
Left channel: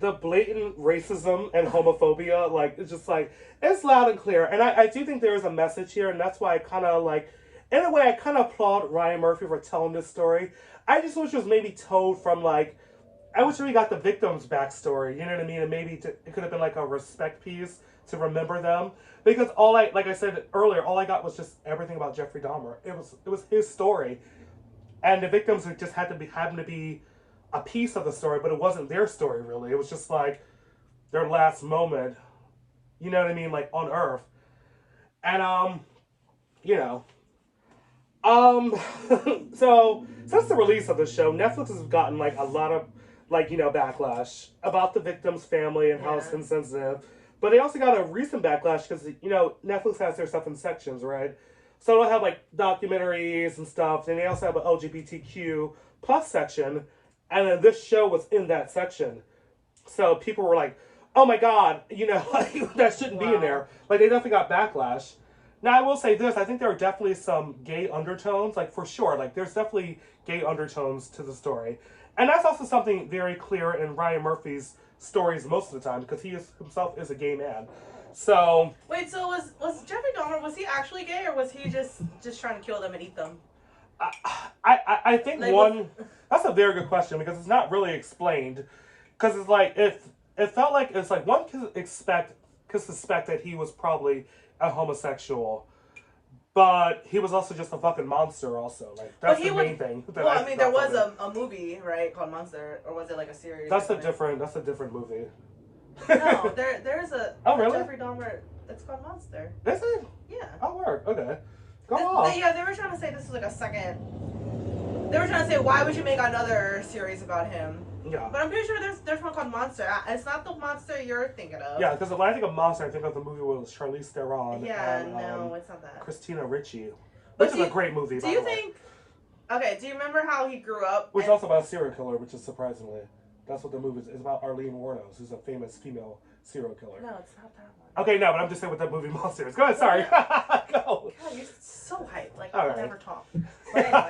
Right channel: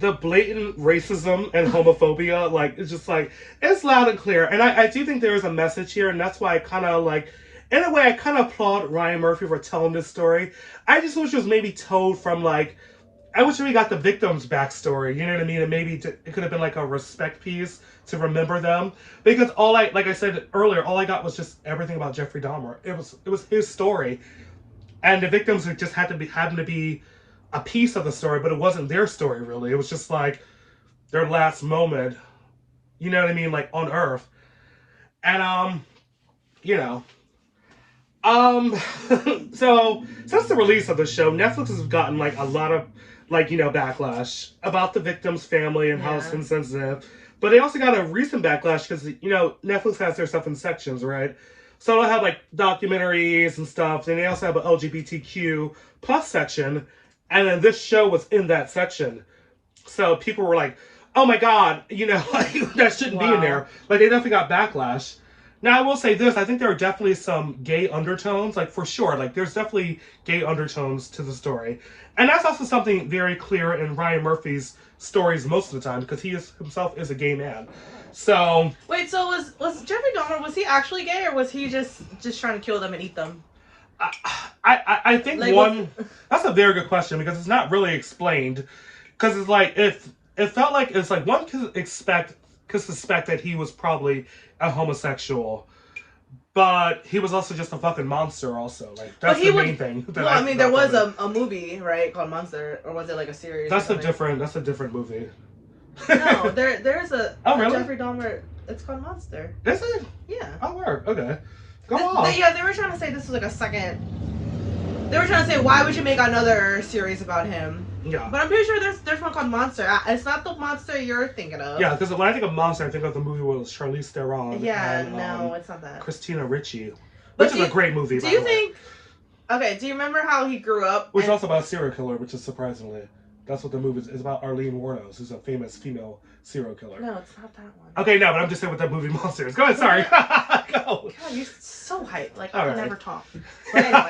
The blatant racism and homophobia, like, it's just like, it's loud and clear. And I do think there is a message here, and that's why I kind of like, in a way, I kind of applaud Ryan Murphy for telling this story. I just wish it was maybe told from like, I wish we got the victim's backstory, you know what I mean? And maybe it could have been like a respect piece to remember them. Because like I said earlier, all I got was just everything about Jeffrey Dahmer. It was his story. And the victims just happened to be a piece of the story, but it wasn't their story really. It was just like their last moment, you know what I mean? Like on Earth. And, so since the release of the show, Netflix has gotten like a lot of backlash about the victim's family and how it's insensitive. But they also got a recent backlash because, Netflix has their stuff in sections, right? So they'll have like documentaries and stuff. And they also have an LGBTQ plus section. And then this show was in that section. So people were like, oh my God, like, that shouldn't be in there. Like, they definitely got backlash. Now, I will say this. I think there are definitely some gay undertones. Like, for sure. Like, there's definitely gay undertones to the story. And that's also something very clear in Ryan Murphy's stories most of the time, because he himself is a gay man. So... Wait, so was Jeffrey Dahmer, was he actually gay, or was he just trying to kill them and eat them? I think like, that's a very good question, because it's not really explained. Because it's like, it felt like, it's like one could suspect that he was probably a homosexual. But he was also just a fucking monster also. Like, that's the main thing. Well, I mean, there was a movie, right, called Monster, or was it like a series? That's a different movie. No, there's a really? Jeffrey Dahmer, it's called Monster. Is it? Yeah. Oh, word. Okay. Go on. Yeah, they were trying to say this was like a second. They were trying to say, why would you make another series about him? Yeah. But I'm pretty sure there's one called Monster. It's not the monster you're thinking of. Yeah, because when I think of Monster, I think of the movie with Charlize Theron. Yeah, and, no, it's not that. Christina Ricci, which is a great movie, by the way. Do you think... Okay, do you remember how he grew up? Which is also about a serial killer, which is surprisingly... That's what the movie is. It's about Arlene Wuornos, who's a famous female serial killer. No, it's not that one. Okay, no, but I'm just saying what that movie Monster is. Go ahead, sorry. Go. God, you're so hyped. Like, All I can right. never talk. But anyway,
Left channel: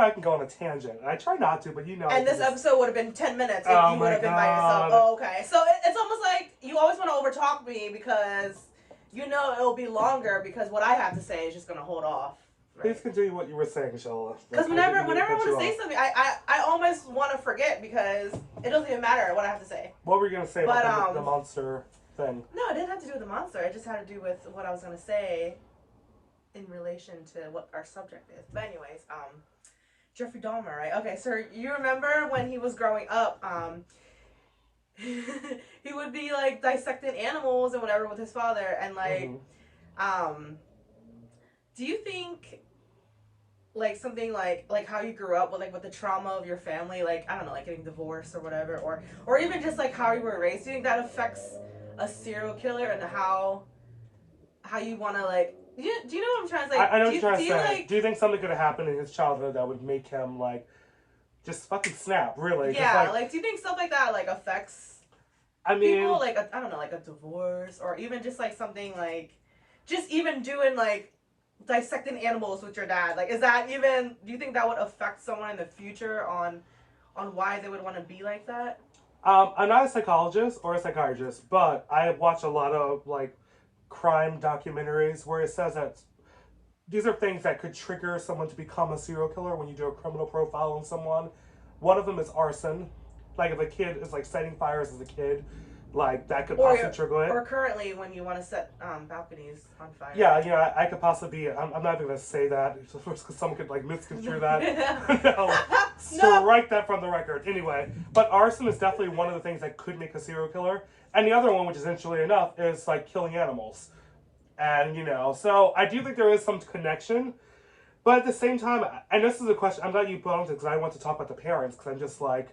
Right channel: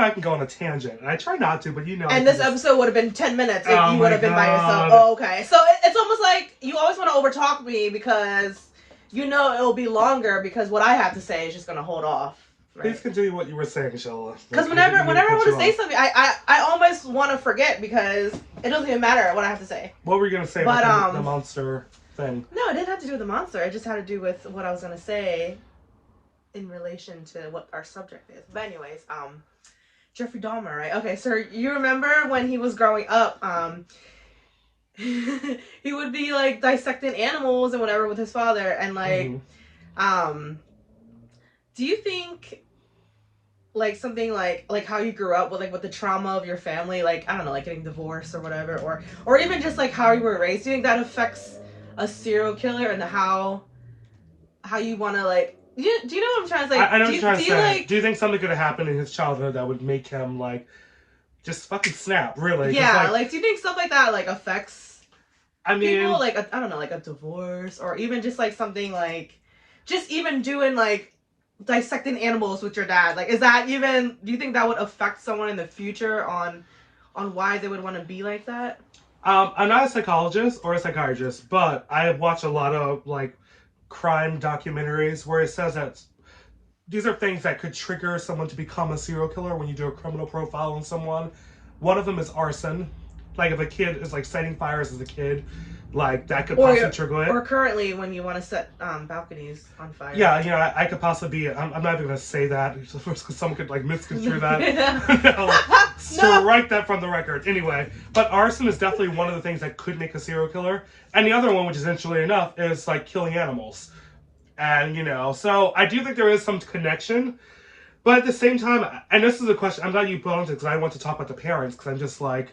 I can go on a tangent. I try not to, but And this episode would have been 10 minutes if Oh you would have been by God. yourself. Oh, okay. So it's almost like you always want to overtalk me because it'll be longer because what I have to say is just going to hold off. Right? Please continue what you were saying, Shella. Because whenever I want to say something, I almost want to forget because it doesn't even matter what I have to say. What were you going to say about the monster? thing. No, it didn't have to do with the monster. It just had to do with what I was gonna say in relation to what our subject is. But anyways, Jeffrey Dahmer, right? Okay, so you remember when he was growing up, he would be like dissecting animals and whatever with his father, and like, do you think like something like how you grew up with like with the trauma of your family, like I don't know, like getting divorced or whatever, or even just like how you were raised, do you think that affects a serial killer and how you want to like do you know what I'm trying to say? I know what you're trying to say. Like, do you think something could have happened in his childhood that would make him like just fucking snap? Really? Yeah, like do you think stuff like that like affects? I mean, people, like I don't know, like a divorce or even just like something like just even doing like dissecting animals with your dad. Like, is that even? Do you think that would affect someone in the future on why they would want to be like that? I'm not a psychologist or a psychiatrist, but I have watched a lot of like crime documentaries where it says that these are things that could trigger someone to become a serial killer when you do a criminal profile on someone. One of them is arson. Like if a kid is like setting fires as a kid, like that could possibly trigger it. Or currently when you want to set balconies on fire. Yeah, you know, I could possibly be. I'm not even gonna say that because someone could like misconstrue that. No, strike that from the record. Anyway, but arson is definitely one of the things that could make a serial killer. And the other one, which is interestingly enough, is like killing animals. And you know, so I do think there is some connection. But at the same time, and this is a question, I'm glad you put on it because I want to talk about the parents because I'm just like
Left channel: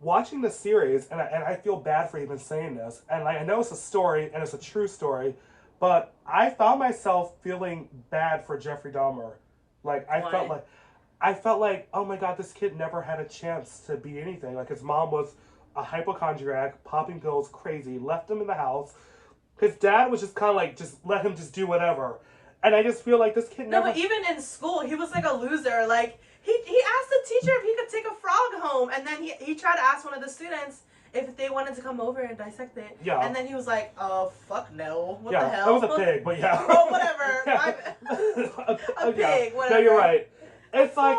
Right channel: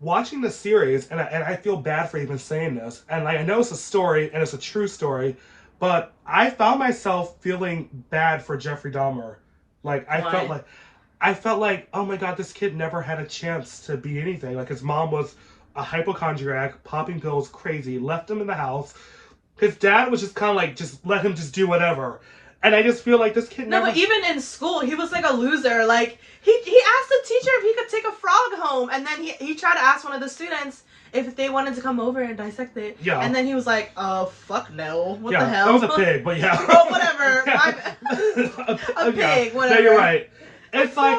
watching the series, and I feel bad for even saying this, and I know it's a story and it's a true story, but I found myself feeling bad for Jeffrey Dahmer. Like I felt like, oh my god, this kid never had a chance to be anything. Like his mom was a hypochondriac, popping pills, crazy, left him in the house. His dad was just kind of like, just let him just do whatever. And I just feel like this kid never... No, but even in school, he was like a loser. Like, he asked the teacher if he could take a frog home. And then he tried to ask one of the students if they wanted to come over and dissect it. Yeah. And then he was like, oh, fuck no. What the hell? That was a pig, but yeah. Oh, whatever. A pig, whatever. No, you're right. It's like,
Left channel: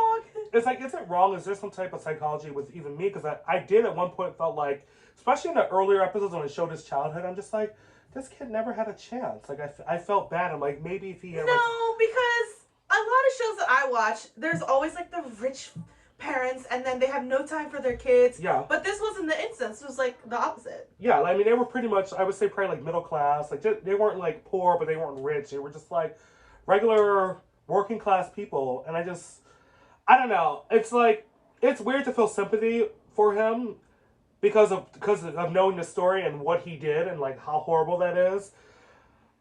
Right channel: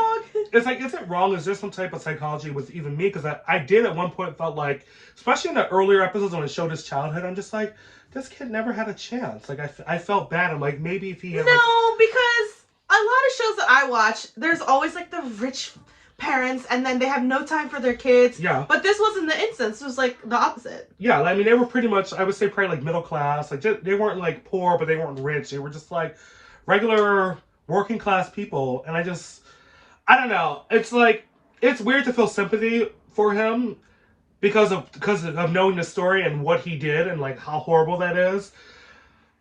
is it wrong? Is there some type of psychology with even me? Because I did at one point felt like, especially in the earlier episodes when it showed his childhood, I'm just like, this kid never had a chance. Like, I felt bad. I'm like, maybe if he ever... No, because a lot of shows that I watch, there's always, like, the rich parents, and then they have no time for their kids. Yeah. But this wasn't the instance. It was, like, the opposite. Yeah, I mean, they were pretty much, I would say, probably, like, middle class. Like, they weren't, like, poor, but they weren't rich. They were just, like, regular working class people. And I don't know. It's, like, it's weird to feel sympathy for him because of knowing the story and what he did and like how horrible that is.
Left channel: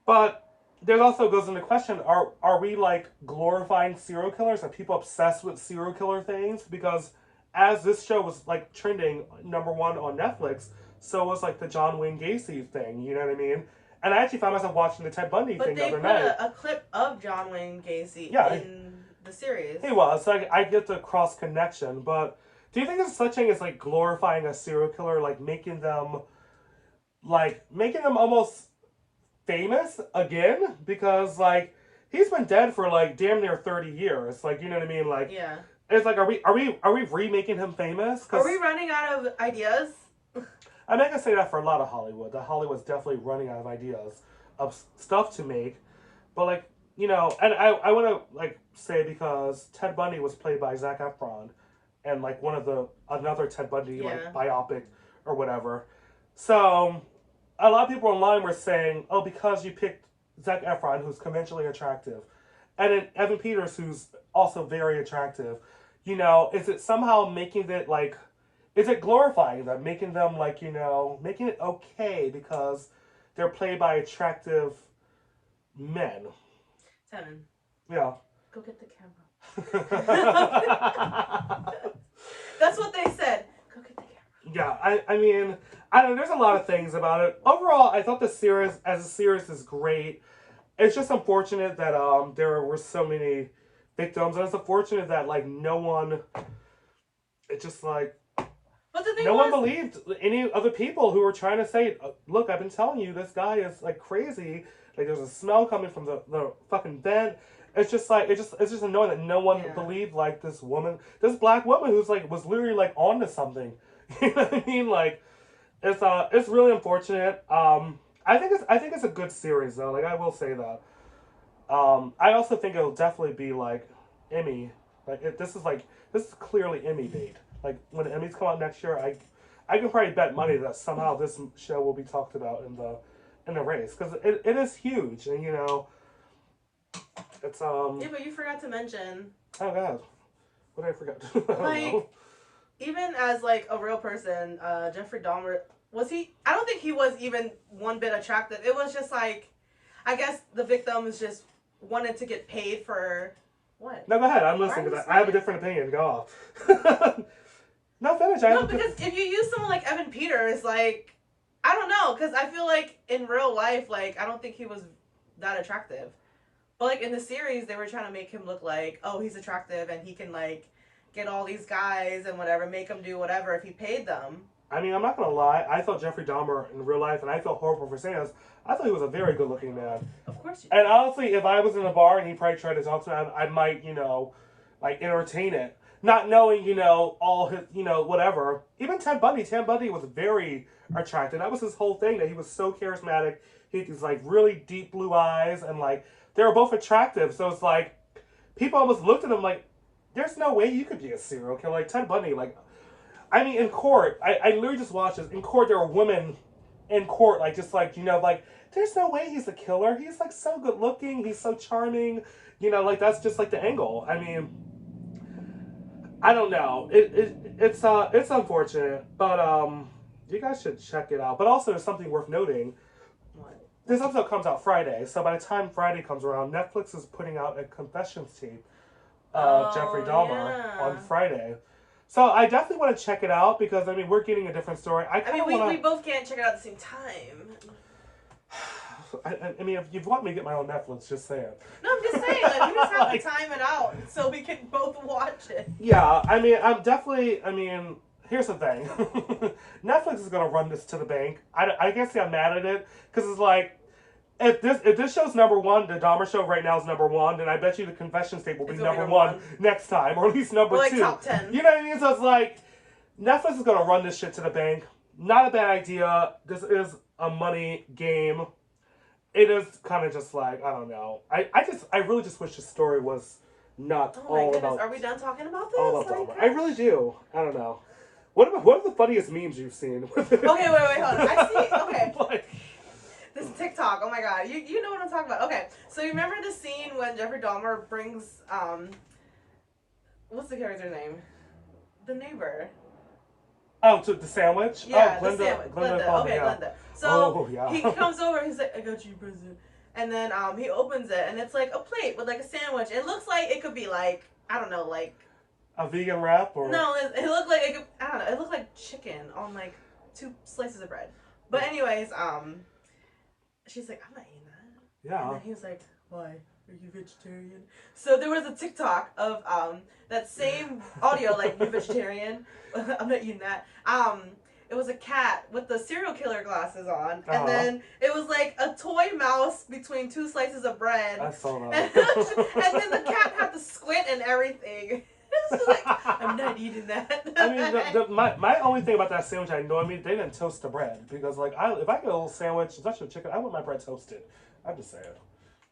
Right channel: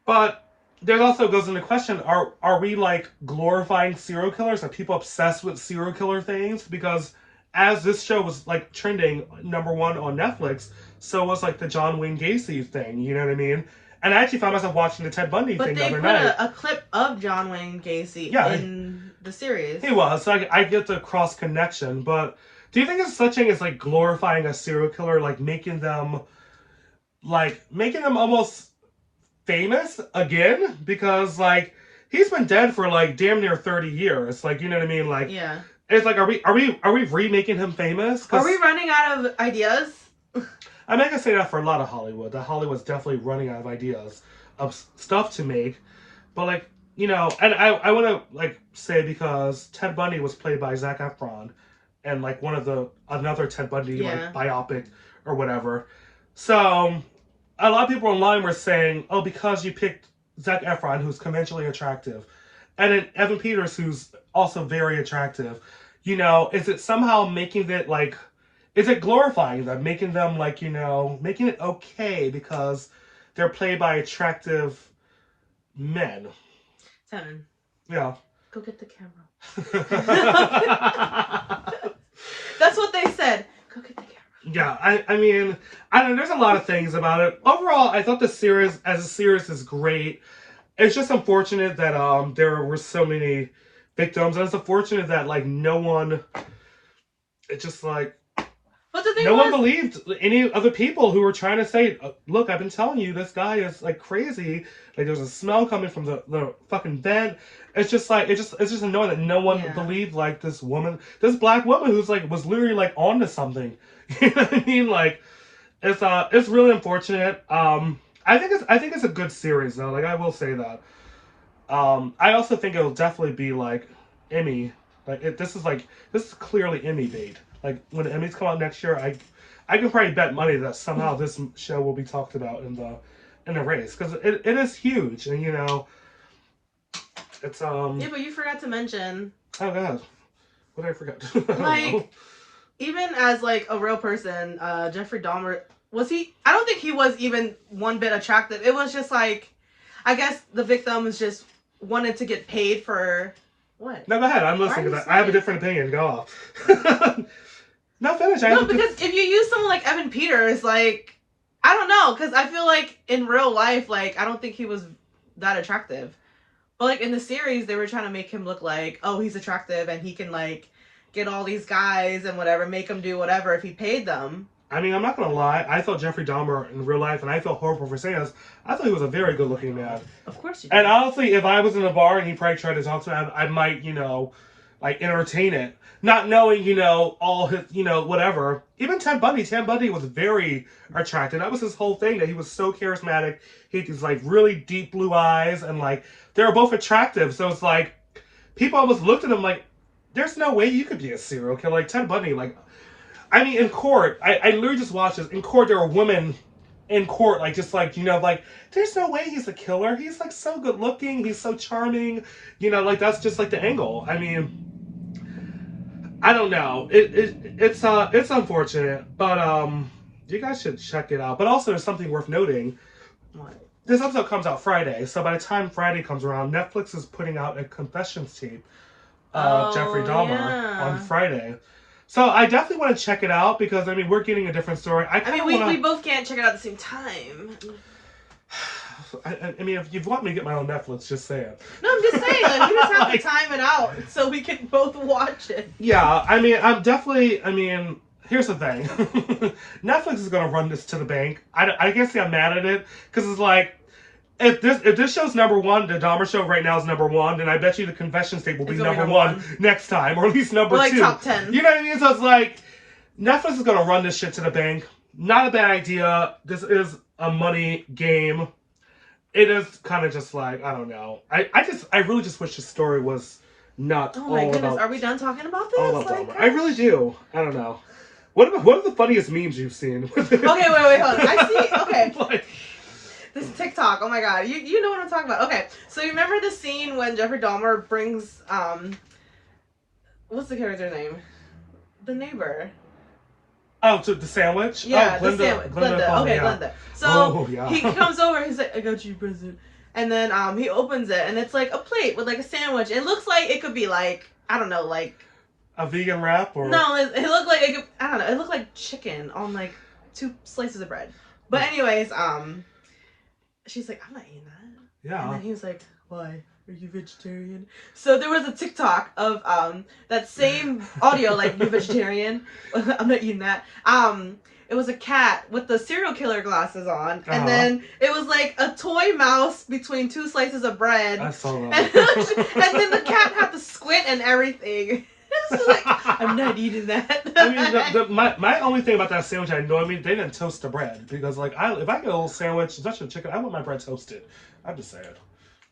But there also goes into question, are we like glorifying serial killers? Are people obsessed with serial killer things? Because as this show was like trending #1 on Netflix, so was like the John Wayne Gacy thing, you know what I mean? And I actually found myself watching the Ted Bundy thing the other night. But they put a clip of John Wayne Gacy in the series. He was, so I get the cross connection, but do you think it's such thing as like glorifying a serial killer, like making them almost famous again? Because like he's been dead for like damn near 30 years. Like, you know what I mean? Like, yeah. It's like, are we remaking him famous? Are we running out of ideas? I mean, I can say that for a lot of Hollywood. That Hollywood's definitely running out of ideas of stuff to make. But like, you know, and I want to like say because Ted Bundy was played by Zac Efron. And like another Ted Bundy like biopic or whatever. So a lot of people online were saying, oh, because you picked Zac Efron, who's conventionally attractive, and then Evan Peters, who's also very attractive, you know, is it somehow making it like, is it glorifying them, making them like, you know, making it okay because they're played by attractive men? Tevin. Yeah. Go get the camera. That's what they said. Go get the camera. Yeah, I mean, I don't know, there's a lot of things about it. Overall, I thought the series, as a series, is great. It's just unfortunate that there were so many victims, and it's unfortunate that, like, no one, it just, like, no one believed any other people who were trying to say, look, I've been telling you, this guy is, like, crazy. Like, there's a smell coming from the fucking vent. It's just like, it's just annoying that no one believed, like, this woman, this black woman who's, like, was literally, like, onto something. You know what I mean? Like, it's really unfortunate. I think it's a good series though. Like I will say that. I also think it'll definitely be like Emmy. This is clearly Emmy bait. Like when the Emmys come out next year, I can probably bet money that somehow this show will be talked about in the race because it is huge and you know it's Yeah, but you forgot to mention. Oh god, what did I forget? I Like, don't know. even as like a real person, Jeffrey Dahmer was he? I don't think he was even one bit attractive. It was just like, I guess the victims just wanted to get paid for what? No, go ahead. I'm Why listening are to you that. I have a saying? different opinion. Go off. No, finish. No, because if you use someone like Evan Peters, like, I don't know, because I feel like in real life, like, I don't think he was that attractive. But like in the series, they were trying to make him look like, oh, he's attractive and he can like get all these guys and whatever, make them do whatever if he paid them. I mean, I'm not gonna lie. I thought Jeffrey Dahmer in real life, and I felt horrible for saying this. I thought he was a very good-looking man. Of course you did. And honestly, if I was in a bar and he probably tried to talk to me, I might, like entertain it, not knowing, all his, whatever. Even Ted Bundy. Ted Bundy was very attractive. That was his whole thing. That he was so charismatic. He had these like really deep blue eyes, and like they were both attractive. So it's like people almost looked at him like, "There's no way you could be a serial killer." Like Ted Bundy, like. I mean, in court, I literally just watched this. In court, there were women in court, like, just like, like, there's no way he's a killer. He's, like, so good looking. He's so charming. Like, that's just, like, the angle. I mean, I don't know. It's unfortunate, but, you guys should check it out. But also, there's something worth noting. This episode comes out Friday, so by the time Friday comes around, Netflix is putting out a confessions tape of Jeffrey Dahmer on Friday. So I definitely want to check it out because I mean we're getting a different story. We both can't check it out at the same time. I mean, if you want me to get my own Netflix, just say it. No, I'm just saying, like, we just have to time it out so we can both watch it. Yeah, I mean, here's the thing. Netflix is gonna run this to the bank. I can't say I'm mad at it because it's like. If this show's number one, the Dahmer show right now is number one, then I bet you the confessions tape will be number one next time, or at least number two. Top 10. You know what I mean? So it's like Netflix is gonna run this shit to the bank. Not a bad idea. This is a money game. It is kind of just like I don't know. I really just wish the story was not. Oh my goodness, are we done talking about this? All about Dahmer. I really do. I don't know. What are the funniest memes you've seen? Okay, wait, hold on. I see. Okay. This TikTok, oh my god, you know what I'm talking about. Okay, so you remember the scene when Jeffrey Dahmer brings, what's the character's name? The neighbor. Oh, to the sandwich? Yeah, oh, Glenda, the sandwich. Glenda. Okay, yeah. Glenda. So, yeah. he comes over, he's like, I got you, present. And then, he opens it, and it's like a plate with like a sandwich. It looks like it could be like, I don't know, like... A vegan wrap? Or... No, it looked like, I don't know, it looked like chicken on like 2 slices of bread. But anyways, she's like, I'm not eating that. Yeah. And then he was like, why? Are you vegetarian? So there was a TikTok of that same audio, like, you vegetarian? I'm not eating that. It was a cat with the serial killer glasses on. And then it was like a toy mouse between 2 slices of bread. I saw that. And then the cat had to squint and everything. It's like, I'm not eating that. I mean, my only thing about that sandwich, they didn't toast the bread because, like, if I get a little sandwich, especially chicken, I want my bread toasted. I'm just saying.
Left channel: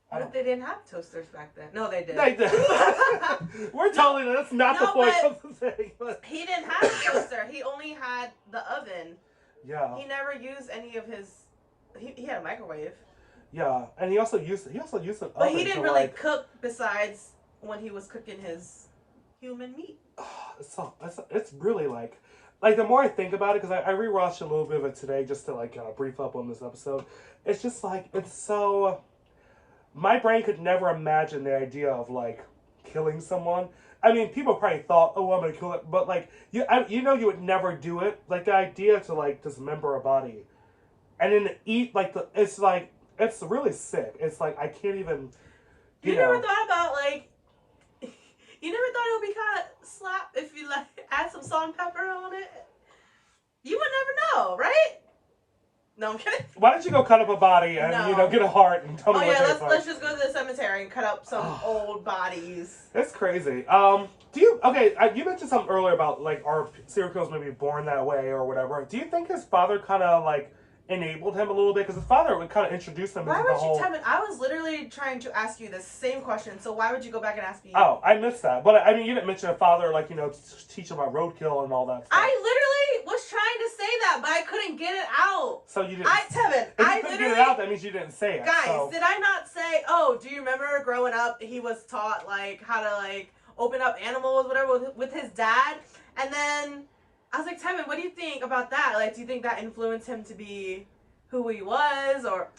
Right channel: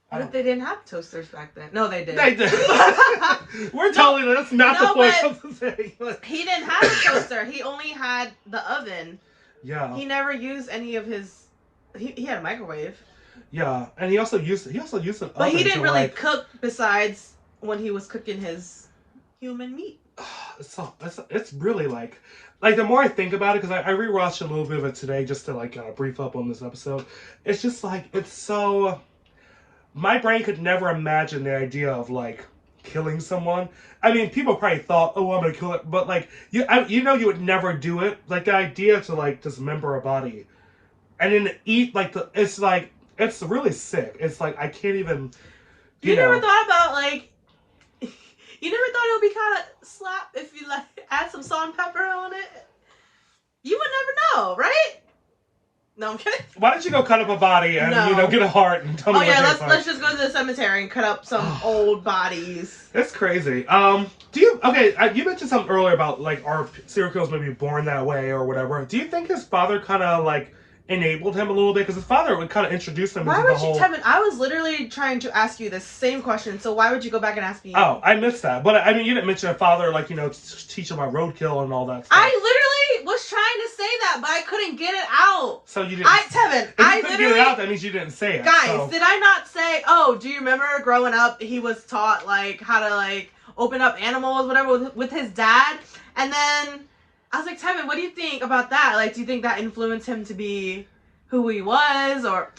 What if they didn't have toasters back then? No, they did. They did. We're telling you that's not the point of the thing. He didn't have a toaster. He only had the oven. Yeah. He never used any of his. He had a microwave. Yeah, and he also used an oven. But he didn't really cook besides when he was cooking his human meat. It's really like the more I think about it, because I rewatched a little bit of it today just to like kind of brief up on this episode. It's just like it's so. My brain could never imagine the idea of like killing someone. I mean, people probably thought, "Oh, I'm gonna kill it," but like you you would never do it. Like the idea to like dismember a body and then eat it's really sick. It's like I can't even. You never thought about like. You never thought it would be kind of slap if you like add some salt and pepper on it? You would never know, right? No, I'm kidding. Why don't you go cut up a body and No. get a heart and tell me Oh what yeah, tastes like? let's just go to the cemetery and cut up some old bodies. It's crazy. Do you you mentioned something earlier about like our serial killers maybe born that way or whatever. Do you think his father kind of like enabled him a little bit because his father would kind of introduce him Why into would the whole. Tevin? I was literally trying to ask you the same question. So why would you go back and ask me? Oh, I missed that. But I mean, you didn't mention a father like teach him about roadkill and all that stuff. I literally was trying to say that, but I couldn't get it out. So you didn't. Tevin, if you couldn't get it out, that means you didn't say it. Guys, so. did I not say? Oh, do you remember growing up? He was taught like how to like open up animals, whatever, with his dad, and then I was like, Tevin, what do you think about that? Like, do you think that influenced him to be who he was, or?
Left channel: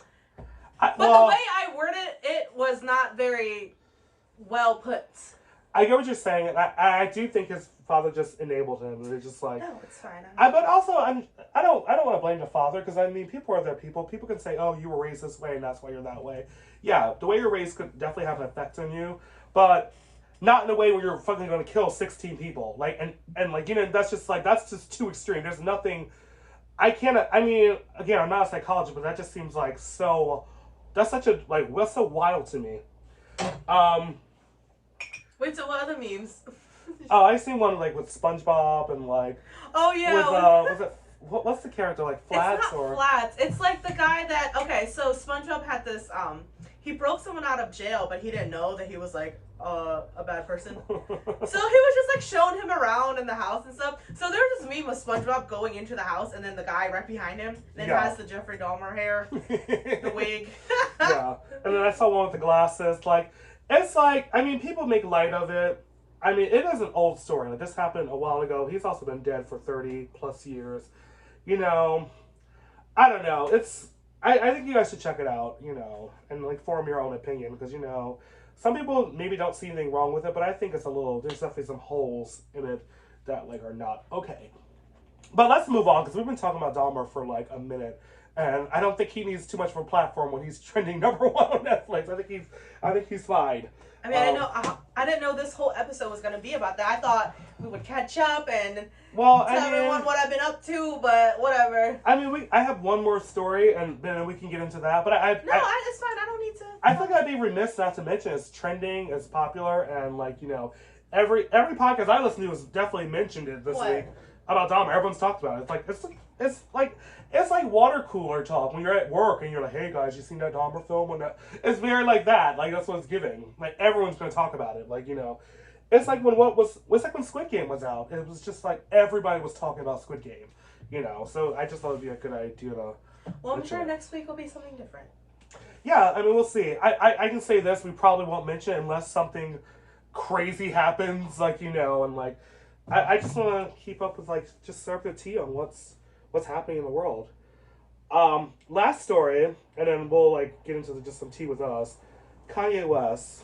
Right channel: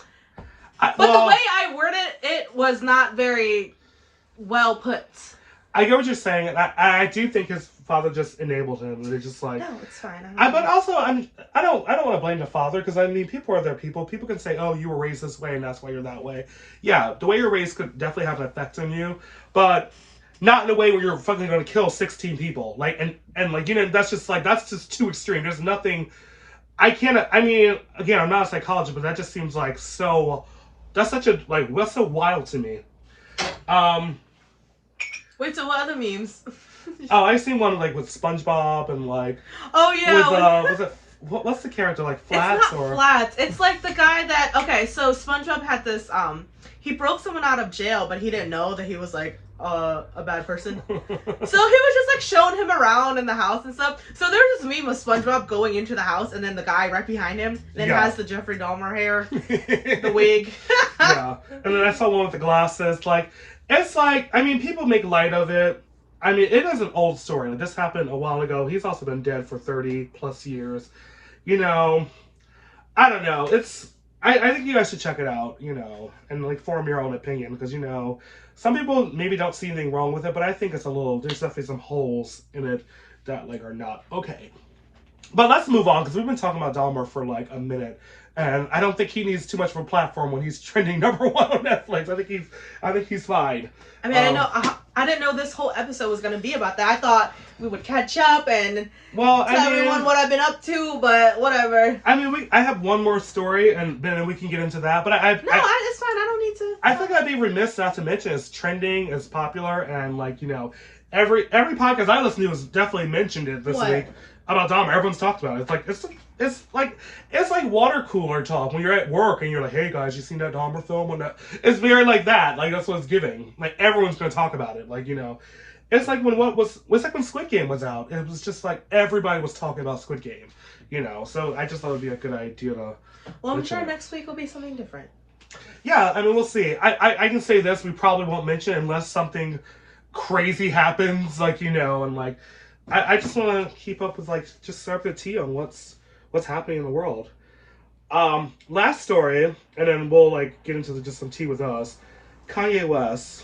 But the way I worded it was not very well put. I get what you're saying, and I do think his father just enabled him. And it's just like No, it's fine. but also I don't want to blame the father because I mean people are their people. People can say, oh, you were raised this way and that's why you're that way. Yeah, the way you're raised could definitely have an effect on you, but not in a way where you're fucking going to kill 16 people. Like and like that's just too extreme. There's nothing. I mean, again, I'm not a psychologist, but that just seems like so. That's such a that's so wild to me. Wait, so what other memes? Oh, I seen one like with SpongeBob and like. Oh yeah. With was it what's the character like Flats it's not Flats. It's like the guy that so SpongeBob had this he broke someone out of jail, but he didn't know that he was like a bad person. So he was just like showing him around in the house and stuff. So there was this meme of SpongeBob going into the house and then the guy right behind him then has the Jeffrey Dahmer hair, the wig. Yeah, and then I saw one with the glasses. Like it's like I mean people make light of it. I mean, it is an old story. Like, this happened a while ago. He's also been dead for 30 plus years. I don't know. I think you guys should check it out, and like form your own opinion because, some people maybe don't see anything wrong with it, but I think there's definitely some holes in it that like are not okay. But let's move on because we've been talking about Dahmer for like a minute. And I don't think he needs too much of a platform when he's trending #1 on Netflix. I think he's fine. I mean, I didn't know this whole episode was going to be about that. I thought we would catch up and tell everyone what I've been up to, but whatever. I mean, I have one more story, and then we can get into that. But it's fine. I don't need to. I think I'd be remiss not to mention it's trending, it's popular, and like every podcast I listen to has definitely mentioned it this week about Dahmer. Everyone's talked about it. It's like water cooler talk when you're at work and you're like, hey guys, you seen that Dahmer film? It's very like that. Like that's what it's giving. Like everyone's gonna talk about it. Like it's like when Squid Game was out. It was just like everybody was talking about Squid Game. So I just thought it'd be a good idea to. Well, I'm sure next week will be something different. Yeah, I mean we'll see. I can say this: we probably won't mention it unless something crazy happens. And like I just want to keep up with just serve the tea on what's happening in the world. Last story, and then we'll get into just some tea with us. Kanye West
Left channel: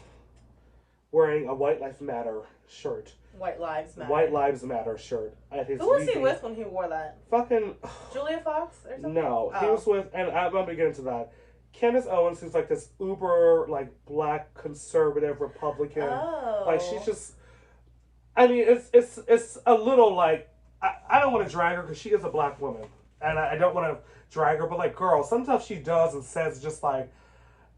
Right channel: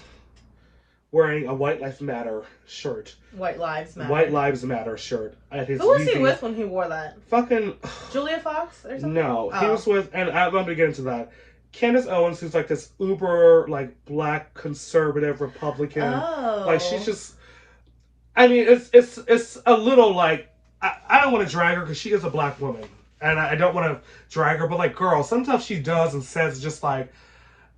wearing a White Lives Matter shirt. White Lives Matter. White Lives Matter shirt at his. Who was he with when he wore that? Fucking. Julia Fox or something? No, he was with, and I'm gonna get into that. Candace Owens, who's this uber black conservative Republican. Oh. She's just. I mean, it's a little I don't want to drag her because she is a black woman, and I don't want to drag her. But girl, sometimes she does and says just I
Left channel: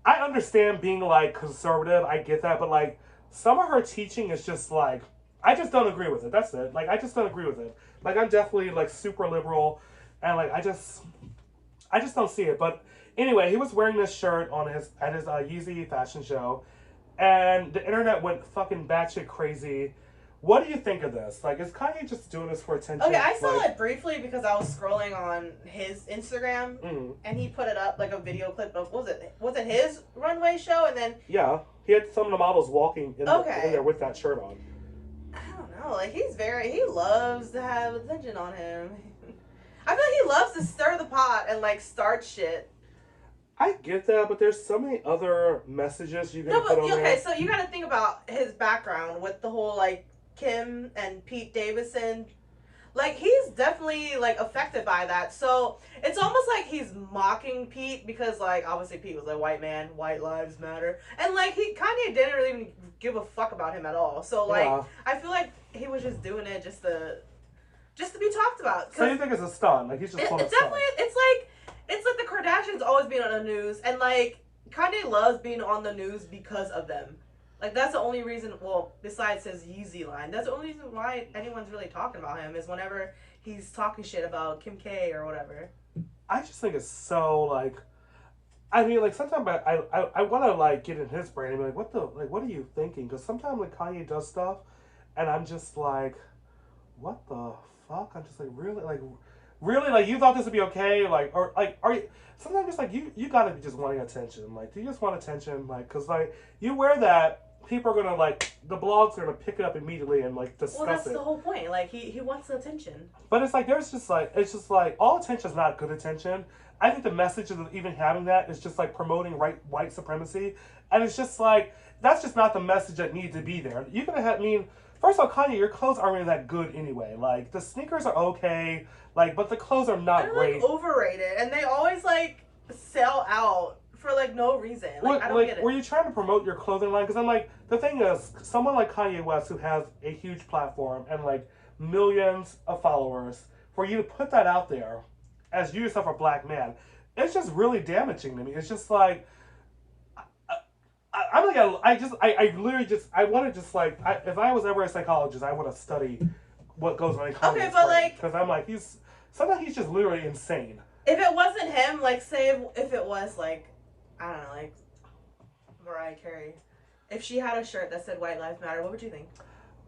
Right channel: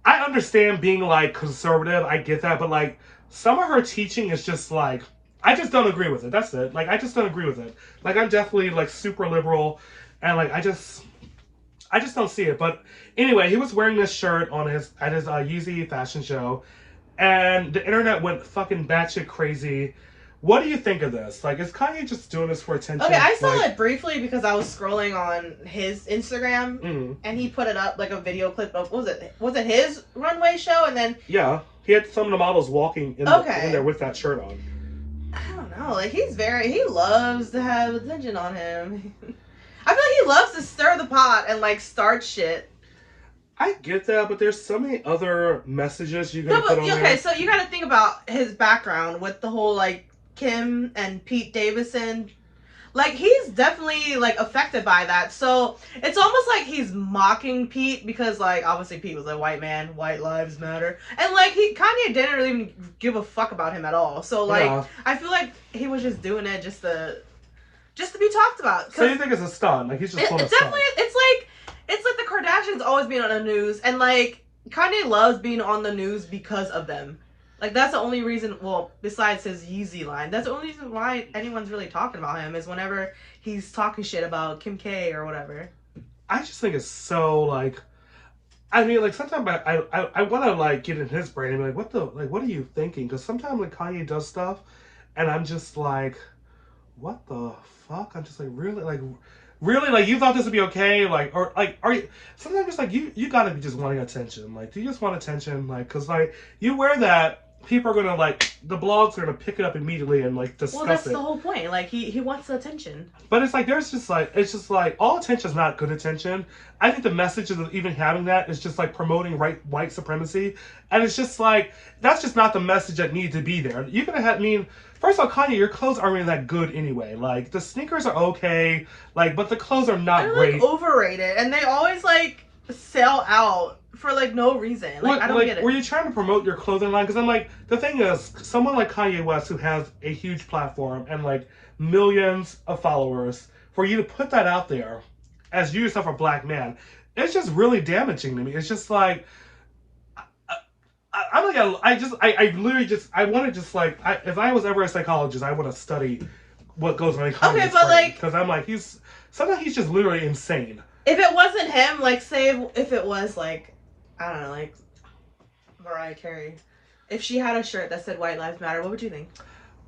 understand being conservative. I get that, but some of her teaching is just I just don't agree with it. That's it. I just don't agree with it. I'm definitely super liberal, and I just don't see it. But anyway, he was wearing this shirt at his Yeezy fashion show, and the internet went fucking batshit crazy. What do you think of this? Is Kanye just doing this for attention? Okay, I saw it briefly because I was scrolling on his Instagram, and he put it up a video clip of was it his runway show, and then he had some of the models walking in there with that shirt on. I don't know, he loves to have attention on him. I feel like he loves to stir the pot and start shit. I get that, but there's so many other messages you gotta put on there. Okay, so you gotta think about his background with the whole Kim and Pete Davidson. He's definitely affected by that. So it's almost like he's mocking Pete because obviously Pete was a white man, white lives matter. And Kanye didn't really even give a fuck about him at all. So I feel like he was just doing it just to be talked about. So you think it's a stunt? He's just pulling a stunt. it's like the Kardashians always being on the news, and like Kanye loves being on the news because of them. Like that's the only reason. Well, besides his Yeezy line, that's the only reason why anyone's really talking about him is whenever he's talking shit about Kim K or whatever. I just think it's so like. I mean, like sometimes I want to like get in his brain and be like, what are you thinking? Because sometimes like Kanye does stuff, and I'm just like, what the fuck? I'm just like really like you thought this would be okay, like or like are you? Sometimes it's like you gotta be just wanting attention. Like, do you just want attention? Like, cause like you wear that, people are gonna like the blogs are gonna pick it up immediately and like discuss it. Well, that's the whole point. Like he wants the attention. But it's like there's just like it's just like all attention is not good attention. I think the message of even having that is just like promoting white supremacy, and it's just like that's just not the message that needs to be there. You're gonna have, I mean, first of all, Kanye, your clothes aren't really that good anyway. Like the sneakers are okay, like but the clothes are not They're great. Like overrated, and they always like sell out for like no reason. Like I don't get it. Were you trying to promote your clothing line? Because I'm like, the thing is, someone like Kanye West who has a huge platform and like millions of followers, for you to put that out there as you yourself a black man, it's just really damaging to me. It's just like I'm like I literally just I want to just like if I was ever a psychologist, I would have studied what goes on in Kanye's okay, but brain, like because I'm like sometimes he's just literally insane. If it wasn't him, like say if it was like I don't know, like Mariah Carey, if she had a shirt that said "White Lives Matter," what would you think?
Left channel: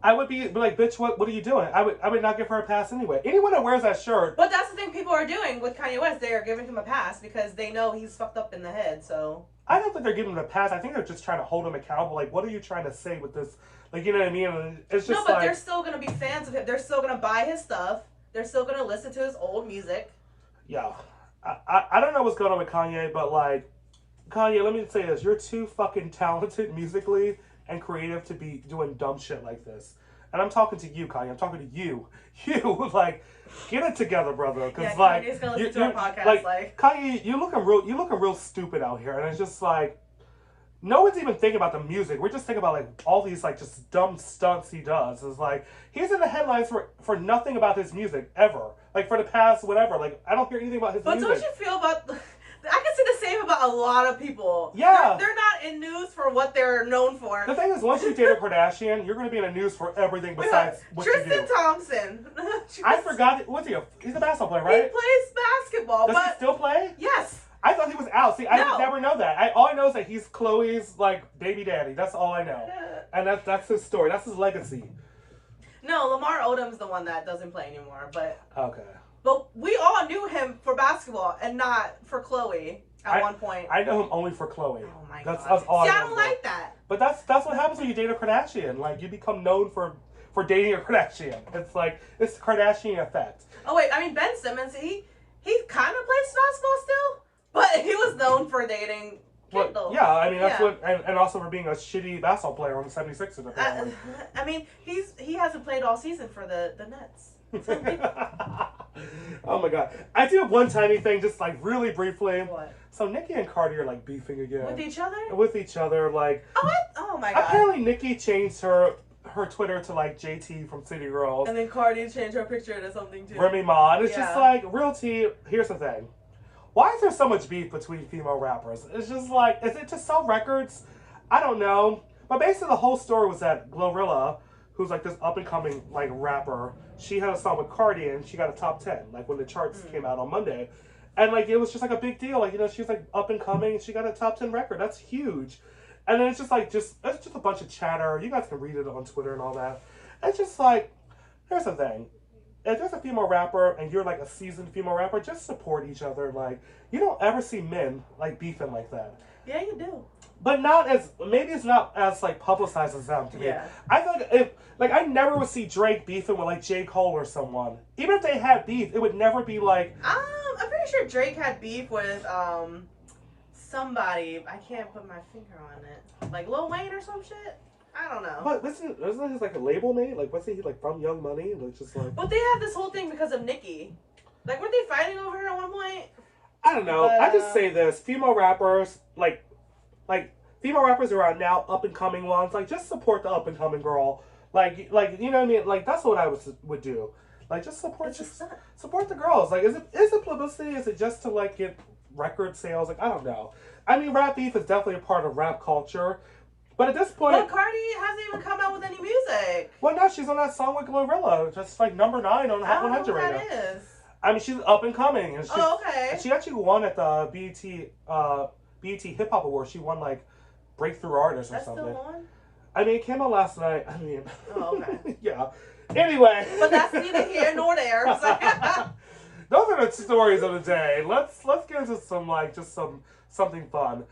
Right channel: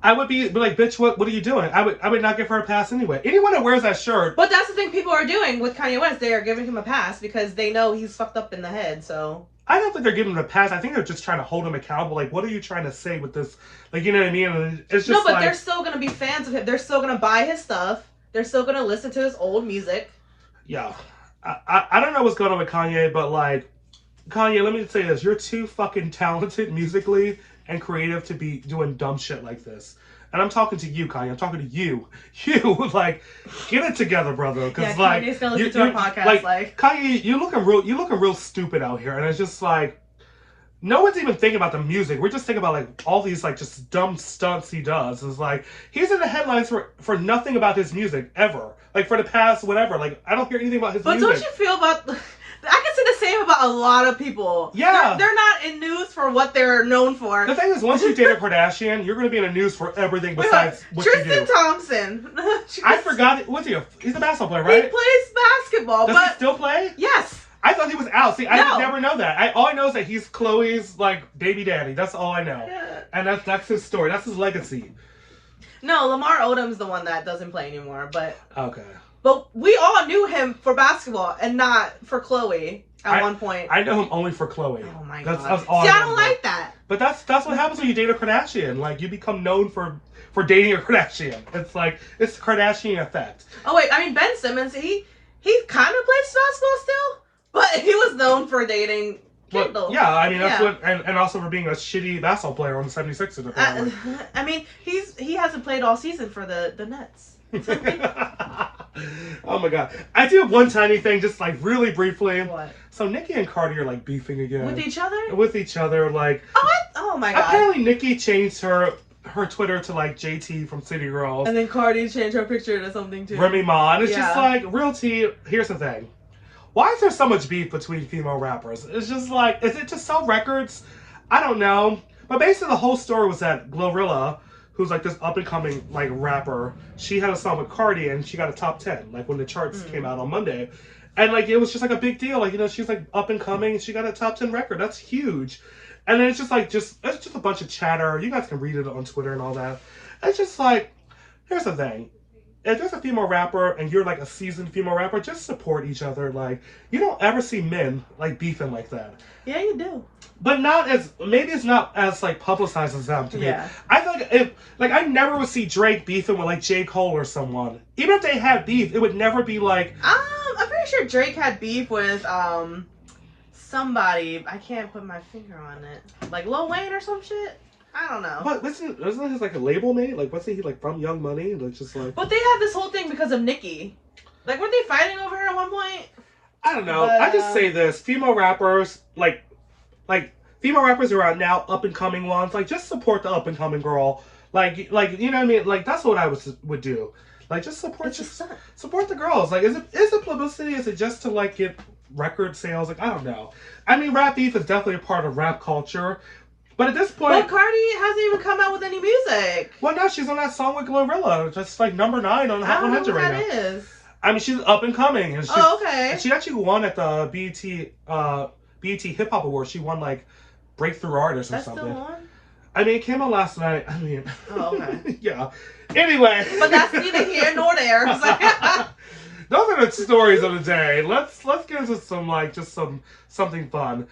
I would be like, bitch, what are you doing? I would not give her a pass anyway. Anyone that wears that shirt. But that's the thing people are doing with Kanye West. They are giving him a pass because they know he's fucked up in the head. So I don't think they're giving him a pass. I think they're just trying to hold him accountable. Like, what are you trying to say with this? Like, you know what I mean? And it's just no, but like, they're still gonna be fans of him. They're still gonna buy his stuff. They're still gonna listen to his old music. Yeah, I don't know what's going on with Kanye, but like, Kanye, let me say this: you're too fucking talented musically and creative to be doing dumb shit like this. And I'm talking to you, Kanye. I'm talking to you. You like get it together, brother. Because like Kanye's gonna listen to our podcast. Like Kanye, you're looking real stupid out here. And it's just like no one's even thinking about the music. We're just thinking about like all these like just dumb stunts he does. It's like he's in the headlines for nothing about his music ever. Like for the past whatever. Like I don't hear anything about his music. But don't you feel about? I can say the same about a lot of people. Yeah. They're not in news for what they're known for. The thing is, once you date a Kardashian, you're going to be in the news for everything besides what you do. Tristan Thompson. I forgot. What's he? He's a basketball player, right? He plays basketball. Does he still play? Yes. I thought he was out. See, I No. never know that. All I know is that he's Chloe's like baby daddy. That's all I know. And that's his story. That's his legacy. No, Lamar Odom's the one that doesn't play anymore. But we all knew him for basketball and not for Chloe at one point. I know him only for Chloe. Oh my god. That's all. See, I don't like that. But that's what happens when you date a Kardashian. Like you become known for dating a Kardashian. It's like it's the Kardashian effect. Oh wait, I mean Ben Simmons, he kind of plays basketball still, but he was known for dating Kendall. Well, yeah, I mean that's what, and also for being a shitty basketball player on the 76ers. Apparently. I mean he hasn't played all season for the Nets. Oh my god. I do have one tiny thing, just like really briefly. What? So Nicki and Cardi are like beefing again. With each other? With each other, like. Oh my god. Apparently Nicki changed her Twitter to like JT from City Girls. And then Cardi changed her picture to something too. Remy Ma. And it's just like, real tea, here's the thing. Why is there so much beef between female rappers? It's just like, is it to sell records? I don't know. But basically the whole story was that Glorilla, who's like this up and coming like rapper, she had a song with Cardi and she got a top 10, like when the charts came out on Monday. And like it was just like a big deal. Like, you know, she's like up and coming, she got a top 10 record. That's huge. And then it's just like it's just a bunch of chatter. You guys can read it on Twitter and all that. It's just like, here's the thing. If there's a female rapper and you're like a seasoned female rapper, just support each other. Like, you don't ever see men like beefing like that. Yeah, you do. But not as, maybe it's not as like publicized as them to me. Yeah. I feel like I never would see Drake beefing with like J. Cole or someone. Even if they had beef, it would never be like. I'm pretty sure Drake had beef with somebody. I can't put my finger on it. Like Lil Wayne or some shit. I don't know. But wasn't his like a label mate? Like wasn't he like from Young Money? Like just like. But they have this whole thing because of Nicki. Like weren't they fighting over her at one point? I don't know. I just say this: female rappers, like female rappers who are now up and coming ones, like just support the up and coming girl. Like you know what I mean? Like that's what I would do. Like just support the girls. Like is it publicity? Is it just to like get record sales. Like, I don't know. I mean, rap beef is definitely a part of rap culture. But at this point... But Cardi hasn't even come out with any music. Well, now she's on that song with Glorilla. Just like number 9 on Hot 100 right now. That is. I mean, she's up and coming. And okay. And she actually won at the BET Hip Hop Awards. She won like Breakthrough Artist or something. Still on? I mean, it came out last night. I mean... Oh, okay. Yeah. Anyway. But that's neither here nor there. Those are the stories of the day. Let's get into some something fun.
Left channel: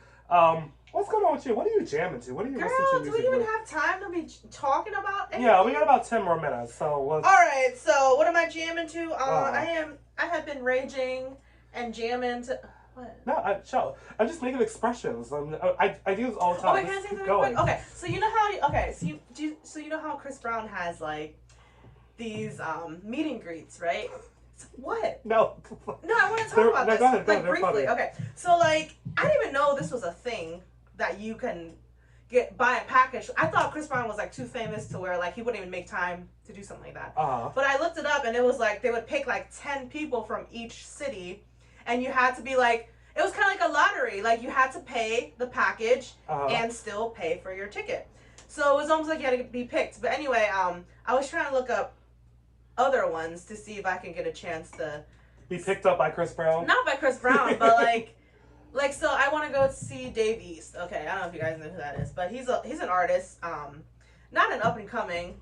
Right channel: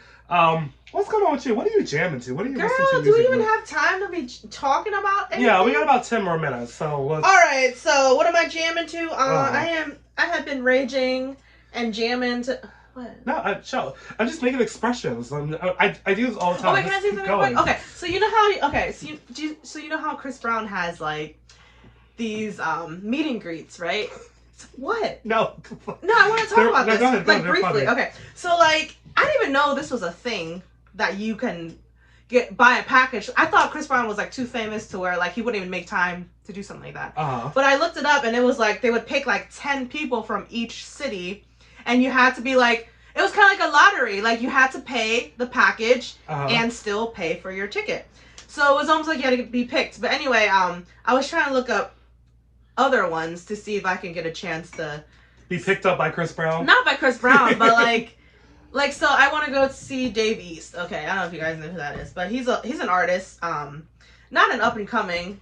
What's going on with you? What are you jamming to? What are you listening to? Girl, do we even have time to be talking about anything? Yeah, we got about 10 more minutes. So let's... All right. So what am I jamming to? I have been raging and jamming to. What? No, I'm just making expressions. I do this all the time. Oh, wait, can I say something quick? Okay, so you know how so you know how Chris Brown has like these meet and greets, right? What? No, I want to talk about this. Go ahead, like briefly. Okay, so like I didn't even know this was a thing that you can buy a package. I thought Chris Brown was like too famous to where like he wouldn't even make time to do something like that. But I looked it up and it was like they would pick like 10 people from each city. And you had to be like, it was kind of like a lottery. Like, you had to pay the package and still pay for your ticket. So it was almost like you had to be picked. But anyway, I was trying to look up other ones to see if I can get a chance to... Be picked up by Chris Brown? Not by Chris Brown, but like, so I want to go see Dave East. Okay, I don't know if you guys know who that is. But he's an artist. Not an up-and-coming...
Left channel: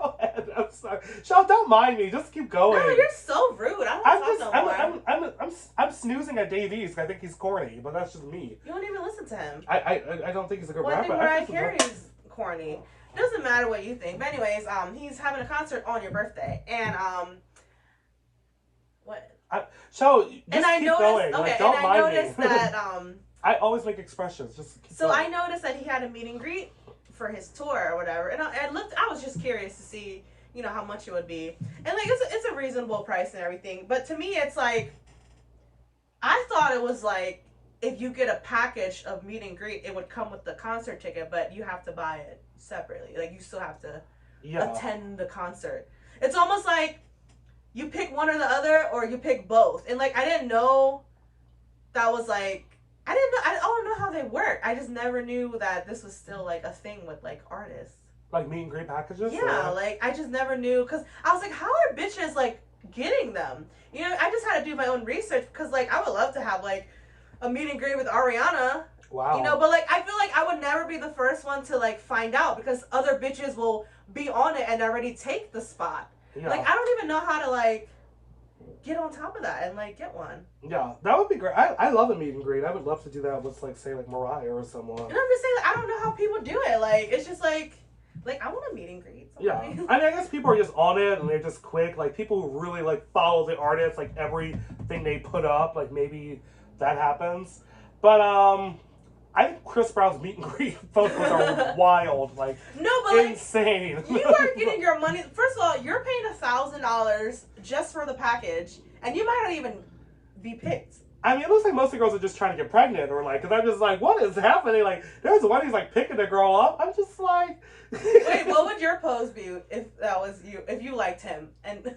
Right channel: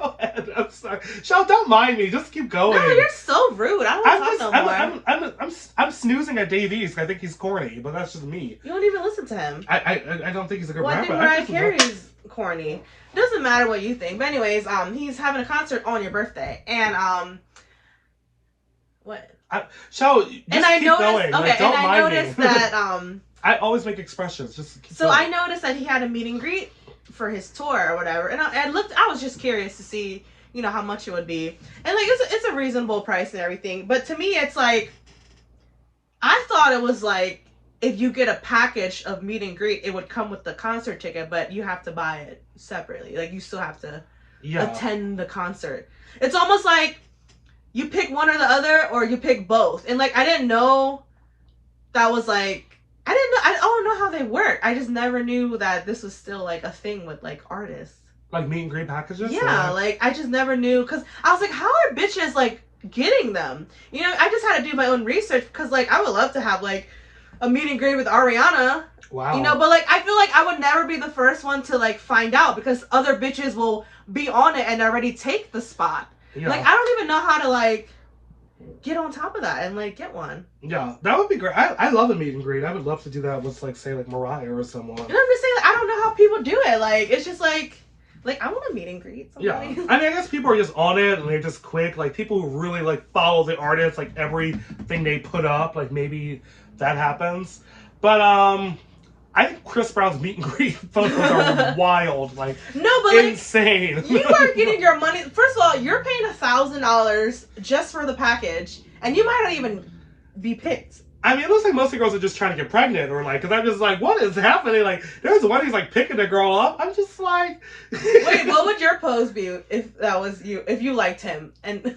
Go ahead. I'm sorry. Shell, don't mind me. Just keep going. No, you're so rude. I don't want to talk no more. I'm snoozing at Dave East. I think he's corny, but that's just me. You don't even listen to him. I don't think he's a good rapper. I think Mariah Carey's corny. Doesn't matter what you think. But anyways, he's having a concert on your birthday, and what? Shell, just and I keep noticed, going. Okay, like, don't and I noticed me. that I always make expressions. Just keep so going. I noticed that he had a meet and greet for his tour or whatever, and I was just curious to see, you know, how much it would be, and like it's a reasonable price and everything, but to me it's like, I thought it was like if you get a package of meet and greet, it would come with the concert ticket, but you have to buy it separately. Like you still have to attend the concert. It's almost like you pick one or the other, or you pick both, and like I didn't know that was like. I don't know how they work. I just never knew that this was still like a thing with like artists. Like meet and greet packages? Yeah, like I just never knew, because I was like, how are bitches like getting them? You know, I just had to do my own research, because like I would love to have like a meet and greet with Rihanna. Wow. You know, but like I feel like I would never be the first one to like find out, because other bitches will be on it and already take the spot. Yeah. Like I don't even know how to like get on top of that and like get one. Yeah, that would be great. I love a meet and greet. I would love to do that with like say like Mariah or someone. And I'm just saying, I don't know how people do it. Like it's just like I want a meet and greet. Somebody. Yeah, I mean I guess people are just on it and they're just quick. Like people who really like follow the artist, like everything they put up, like maybe that happens. But I think Chris Brown's meet and greet photos are wild, like insane. Like, you are getting your money. First of all, you're paying $1,000 just for the package, and you might not even be picked. I mean, it looks like most of the girls are just trying to get pregnant, or like, because I'm just like, what is happening? Like, there's one who's like picking the girl up. I'm just like, wait, what would your pose be if that was you? If you liked him and.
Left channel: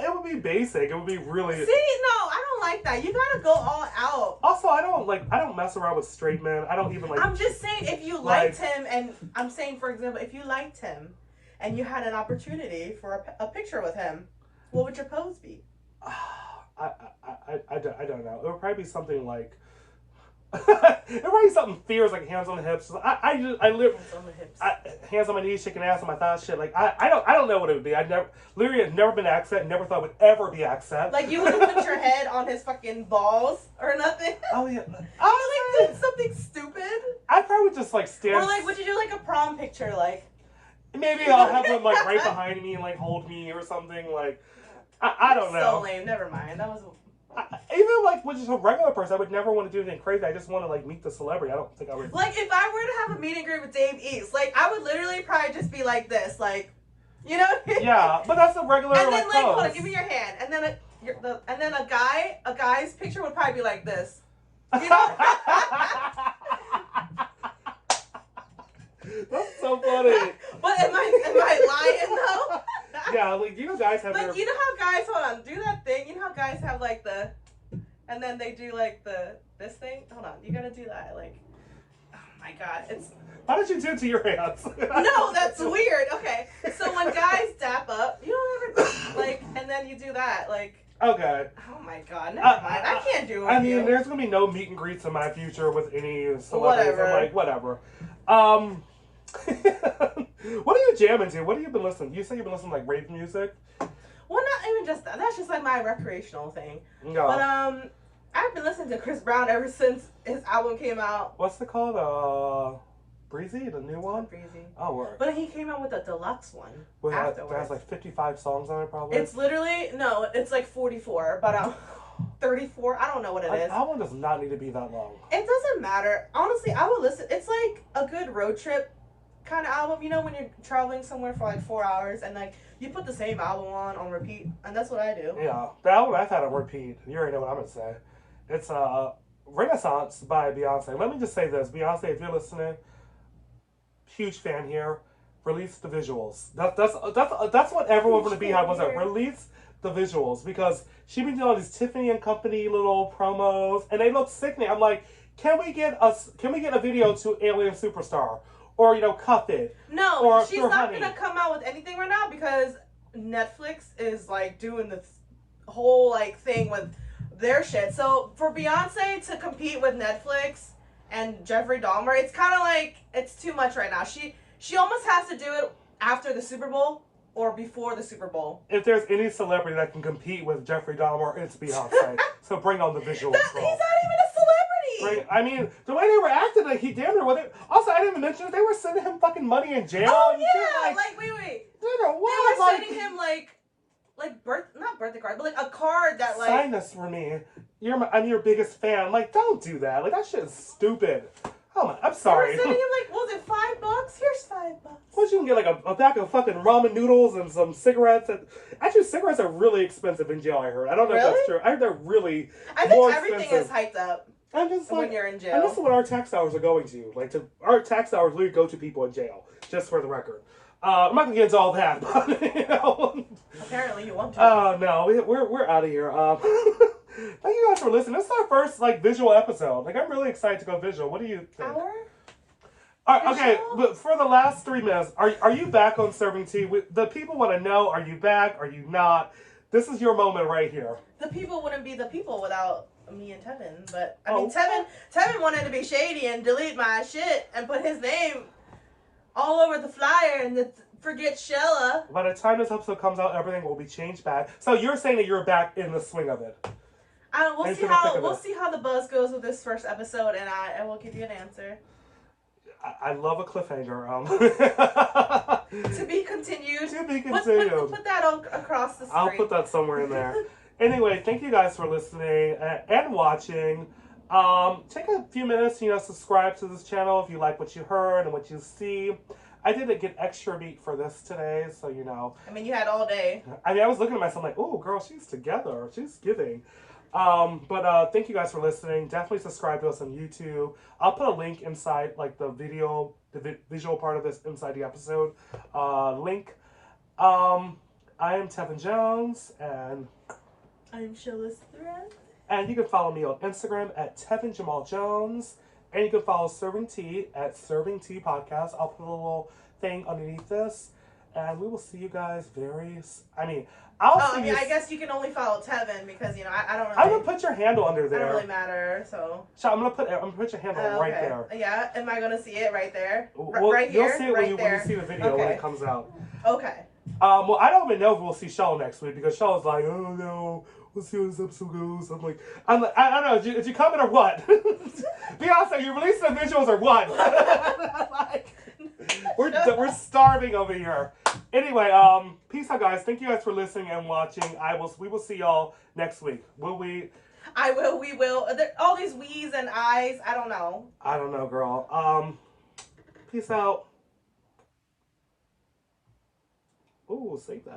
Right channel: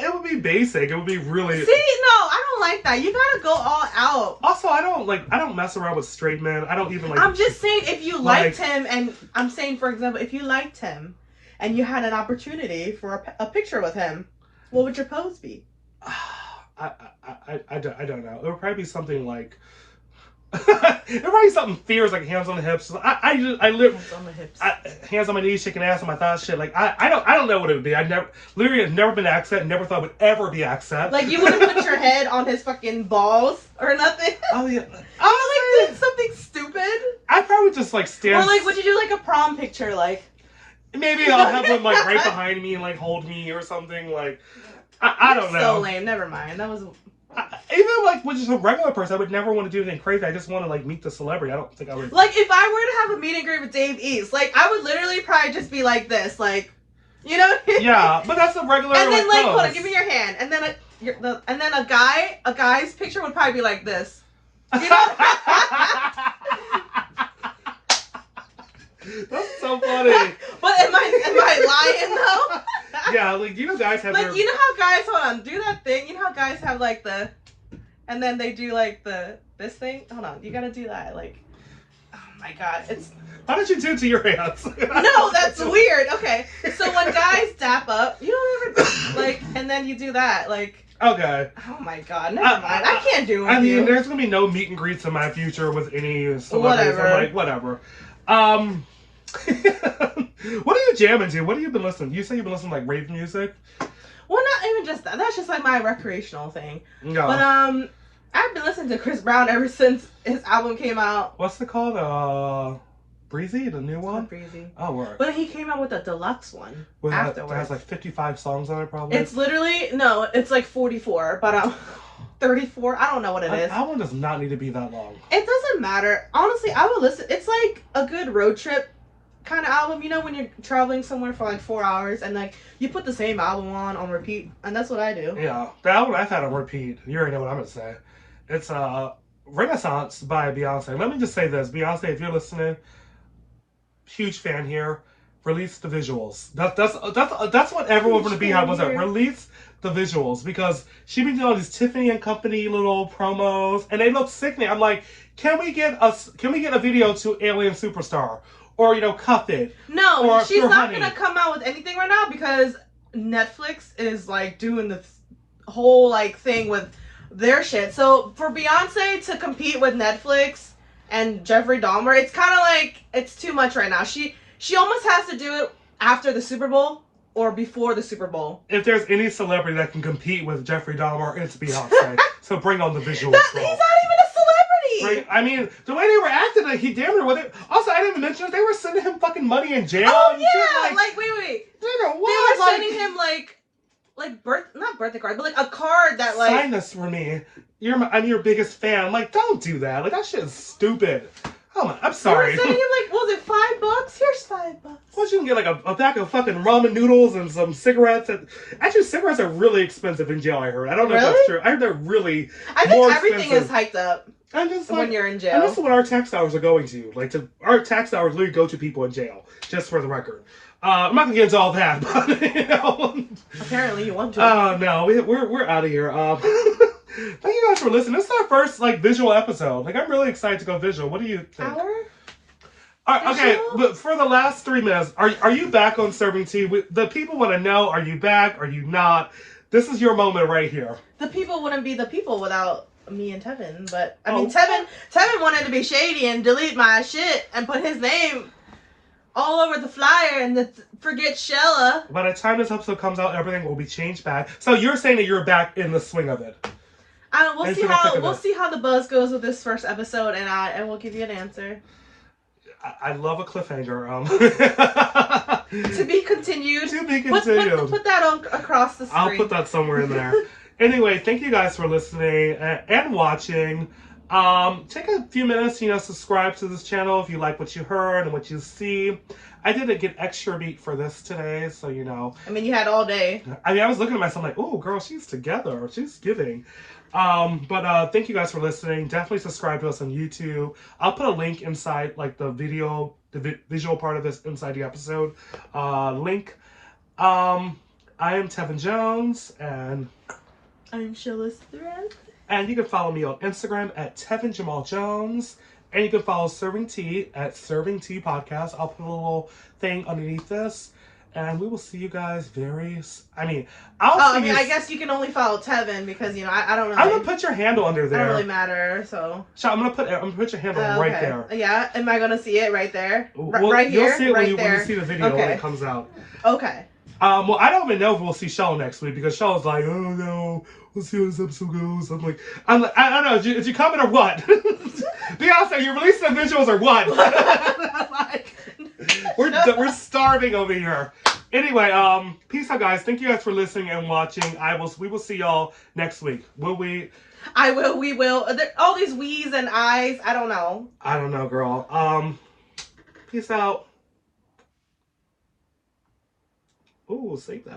It would be basic. It would be really... See, no, I don't like that. You gotta go all out. Also, I don't mess around with straight men. I don't even like... I'm just saying, if you liked him, and I'm saying, for example, if you liked him, and you had an opportunity for a picture with him, what would your pose be? I don't know. It would probably be something like... It probably something fierce, like hands on the hips. I live hands on the hips, hands on my knees, shaking ass on my thighs, shit. Like I don't know what it would be. I had never been accent, never thought it would ever be accent. Like you wouldn't put your head on his fucking balls or nothing. Oh yeah, I was like something stupid. I probably just like stand. Or like, would you do like a prom picture, like? Maybe I'll have them like right behind me and like hold me or something. Like I don't know. So lame. Never mind. That was. Even like with just a regular person, I would never want to do anything crazy. I just want to like meet the celebrity. I don't think I would. Like if I were to have a meet and greet with Dave East, like I would literally probably just be like this, like, you know. Yeah, but that's a regular. And then like, pose. hold on, give me your hand, and then a guy's picture would probably be like this. You know? That's so funny. But am I lying though? Yeah, like you know, guys have. Like you know how guys, hold on, do that thing. You know how guys have like the, and then they do like this thing. Hold on, you gotta do that. Like, oh my god, it's. Why don't you do it to your hands? No, that's weird. Okay, so when guys dap up, you don't ever like, and then you do that, like. Okay. Oh my god, never mind. I can't do it. I mean, there's gonna be no meet and greets in my future with any celebrities. Whatever. I'm like, whatever. What are you jamming to? What have you been listening? You say you've been listening to like rave music? Well, not even just that. That's just like my recreational thing. No. But I've been listening to Chris Brown ever since his album came out. What's it called? Breezy, the new one? Not Breezy. Oh, word. But he came out with a deluxe one afterwards. That has like 55 songs on it, probably. It's literally, no, it's like 44, but 34, I don't know what it is. An album does not need to be that long. It doesn't matter. Honestly, I would listen. It's like a good road trip kind of album. You know, when you're traveling somewhere for like 4 hours and like you put the same album on repeat, and that's what I do. Yeah, the album I've had on repeat, you already know what I'm going to say. It's Renaissance by Beyonce. Let me just say this. Beyonce, if you're listening, huge fan here. Release the visuals. That's what everyone from the Beehive was at. Release the visuals, because she been doing all these Tiffany and Company little promos, and they look sickening. I'm like, can we get a video to Alien Superstar, or Cuff It? No, or she's Pure not Honey. gonna come out with anything right now because Netflix is like doing the whole like thing with their shit. So for Beyonce to compete with Netflix and Jeffrey Dahmer, it's kind of like it's too much right now. She almost has to do it after the Super Bowl or before the Super Bowl. If there's any celebrity that can compete with Jeffrey Dahmer, it's Beyonce. So bring on the visuals. He's not even a celebrity. Right? I mean, the way they were acting, like he damn near with it. Also, I didn't even mention they were sending him fucking money in jail. Oh and yeah, shit. like wait. Nigga, what? They were sending him not birthday card, but like a card that like. Sign this for me. I'm your biggest fan. I'm like, don't do that. Like that shit is stupid. Oh my, I'm sorry. They were sending him like, was it $5? Here's $5. Well, you can get like a bag of fucking ramen noodles and some cigarettes. Actually, cigarettes are really expensive in jail, I heard. I don't know if that's true. I heard they're really I think everything is hyped up I'm just like, when you're in jail. And that's what our tax dollars are going to. Our tax dollars literally go to people in jail, just for the record. I'm not gonna get into all that, but Apparently you want to. Oh no, we're out of here. Thank you guys for listening. This is our first visual episode. I'm really excited to go visual. What do you think? All right, okay, but for the last 3 minutes, are you back on Serving Tea? The people want to know: are you back? Are you not? This is your moment right here. The people wouldn't be the people without me and Tevin, but I mean, Tevin wanted to be shady and delete my shit and put his name all over the flyer and forget Shella. By the time this episode comes out, everything will be changed back. So you're saying that you're back in the swing of it. We'll see how the buzz goes with this first episode, and we'll give you an answer. I love a cliffhanger. To be continued. To be continued. Put that on across the screen. I'll put that somewhere in there. Anyway, thank you guys for listening and watching. Take a few minutes, subscribe to this channel if you like what you heard and what you see. I did get extra meat for this today, so I mean, you had all day. I mean, I was looking at myself like, oh, girl, she's together. She's giving. But thank you guys for listening. Definitely subscribe to us on YouTube. I'll put a link inside, the video, the visual part of this inside the episode. Link. I am Tevin Jones, and I'm Shella Thread. And you can follow me on Instagram at Tevin Jamal Jones. And you can follow Serving Tea at Serving Tea Podcast. I'll put a little thing underneath this. And we will see you guys I guess you can only follow Tevin because, I don't know. I'm going to put your handle under there. I don't really matter, so. So I'm gonna put your handle right there. Yeah, am I going to see it right there? Well, right here? You'll see it right when you see the video when it comes out. Okay. Well, I don't even know if we'll see Shella next week because Shella's like, oh no, we'll see how this episode goes. I don't know, is you coming or what? Beyonce, you releasing the visuals or what? We're starving over here. Anyway, peace out, guys. Thank you guys for listening and watching. We will see y'all next week. Will we? I will. We will. All these we's and I's. I don't know. I don't know, girl. Peace out. Ooh, save that.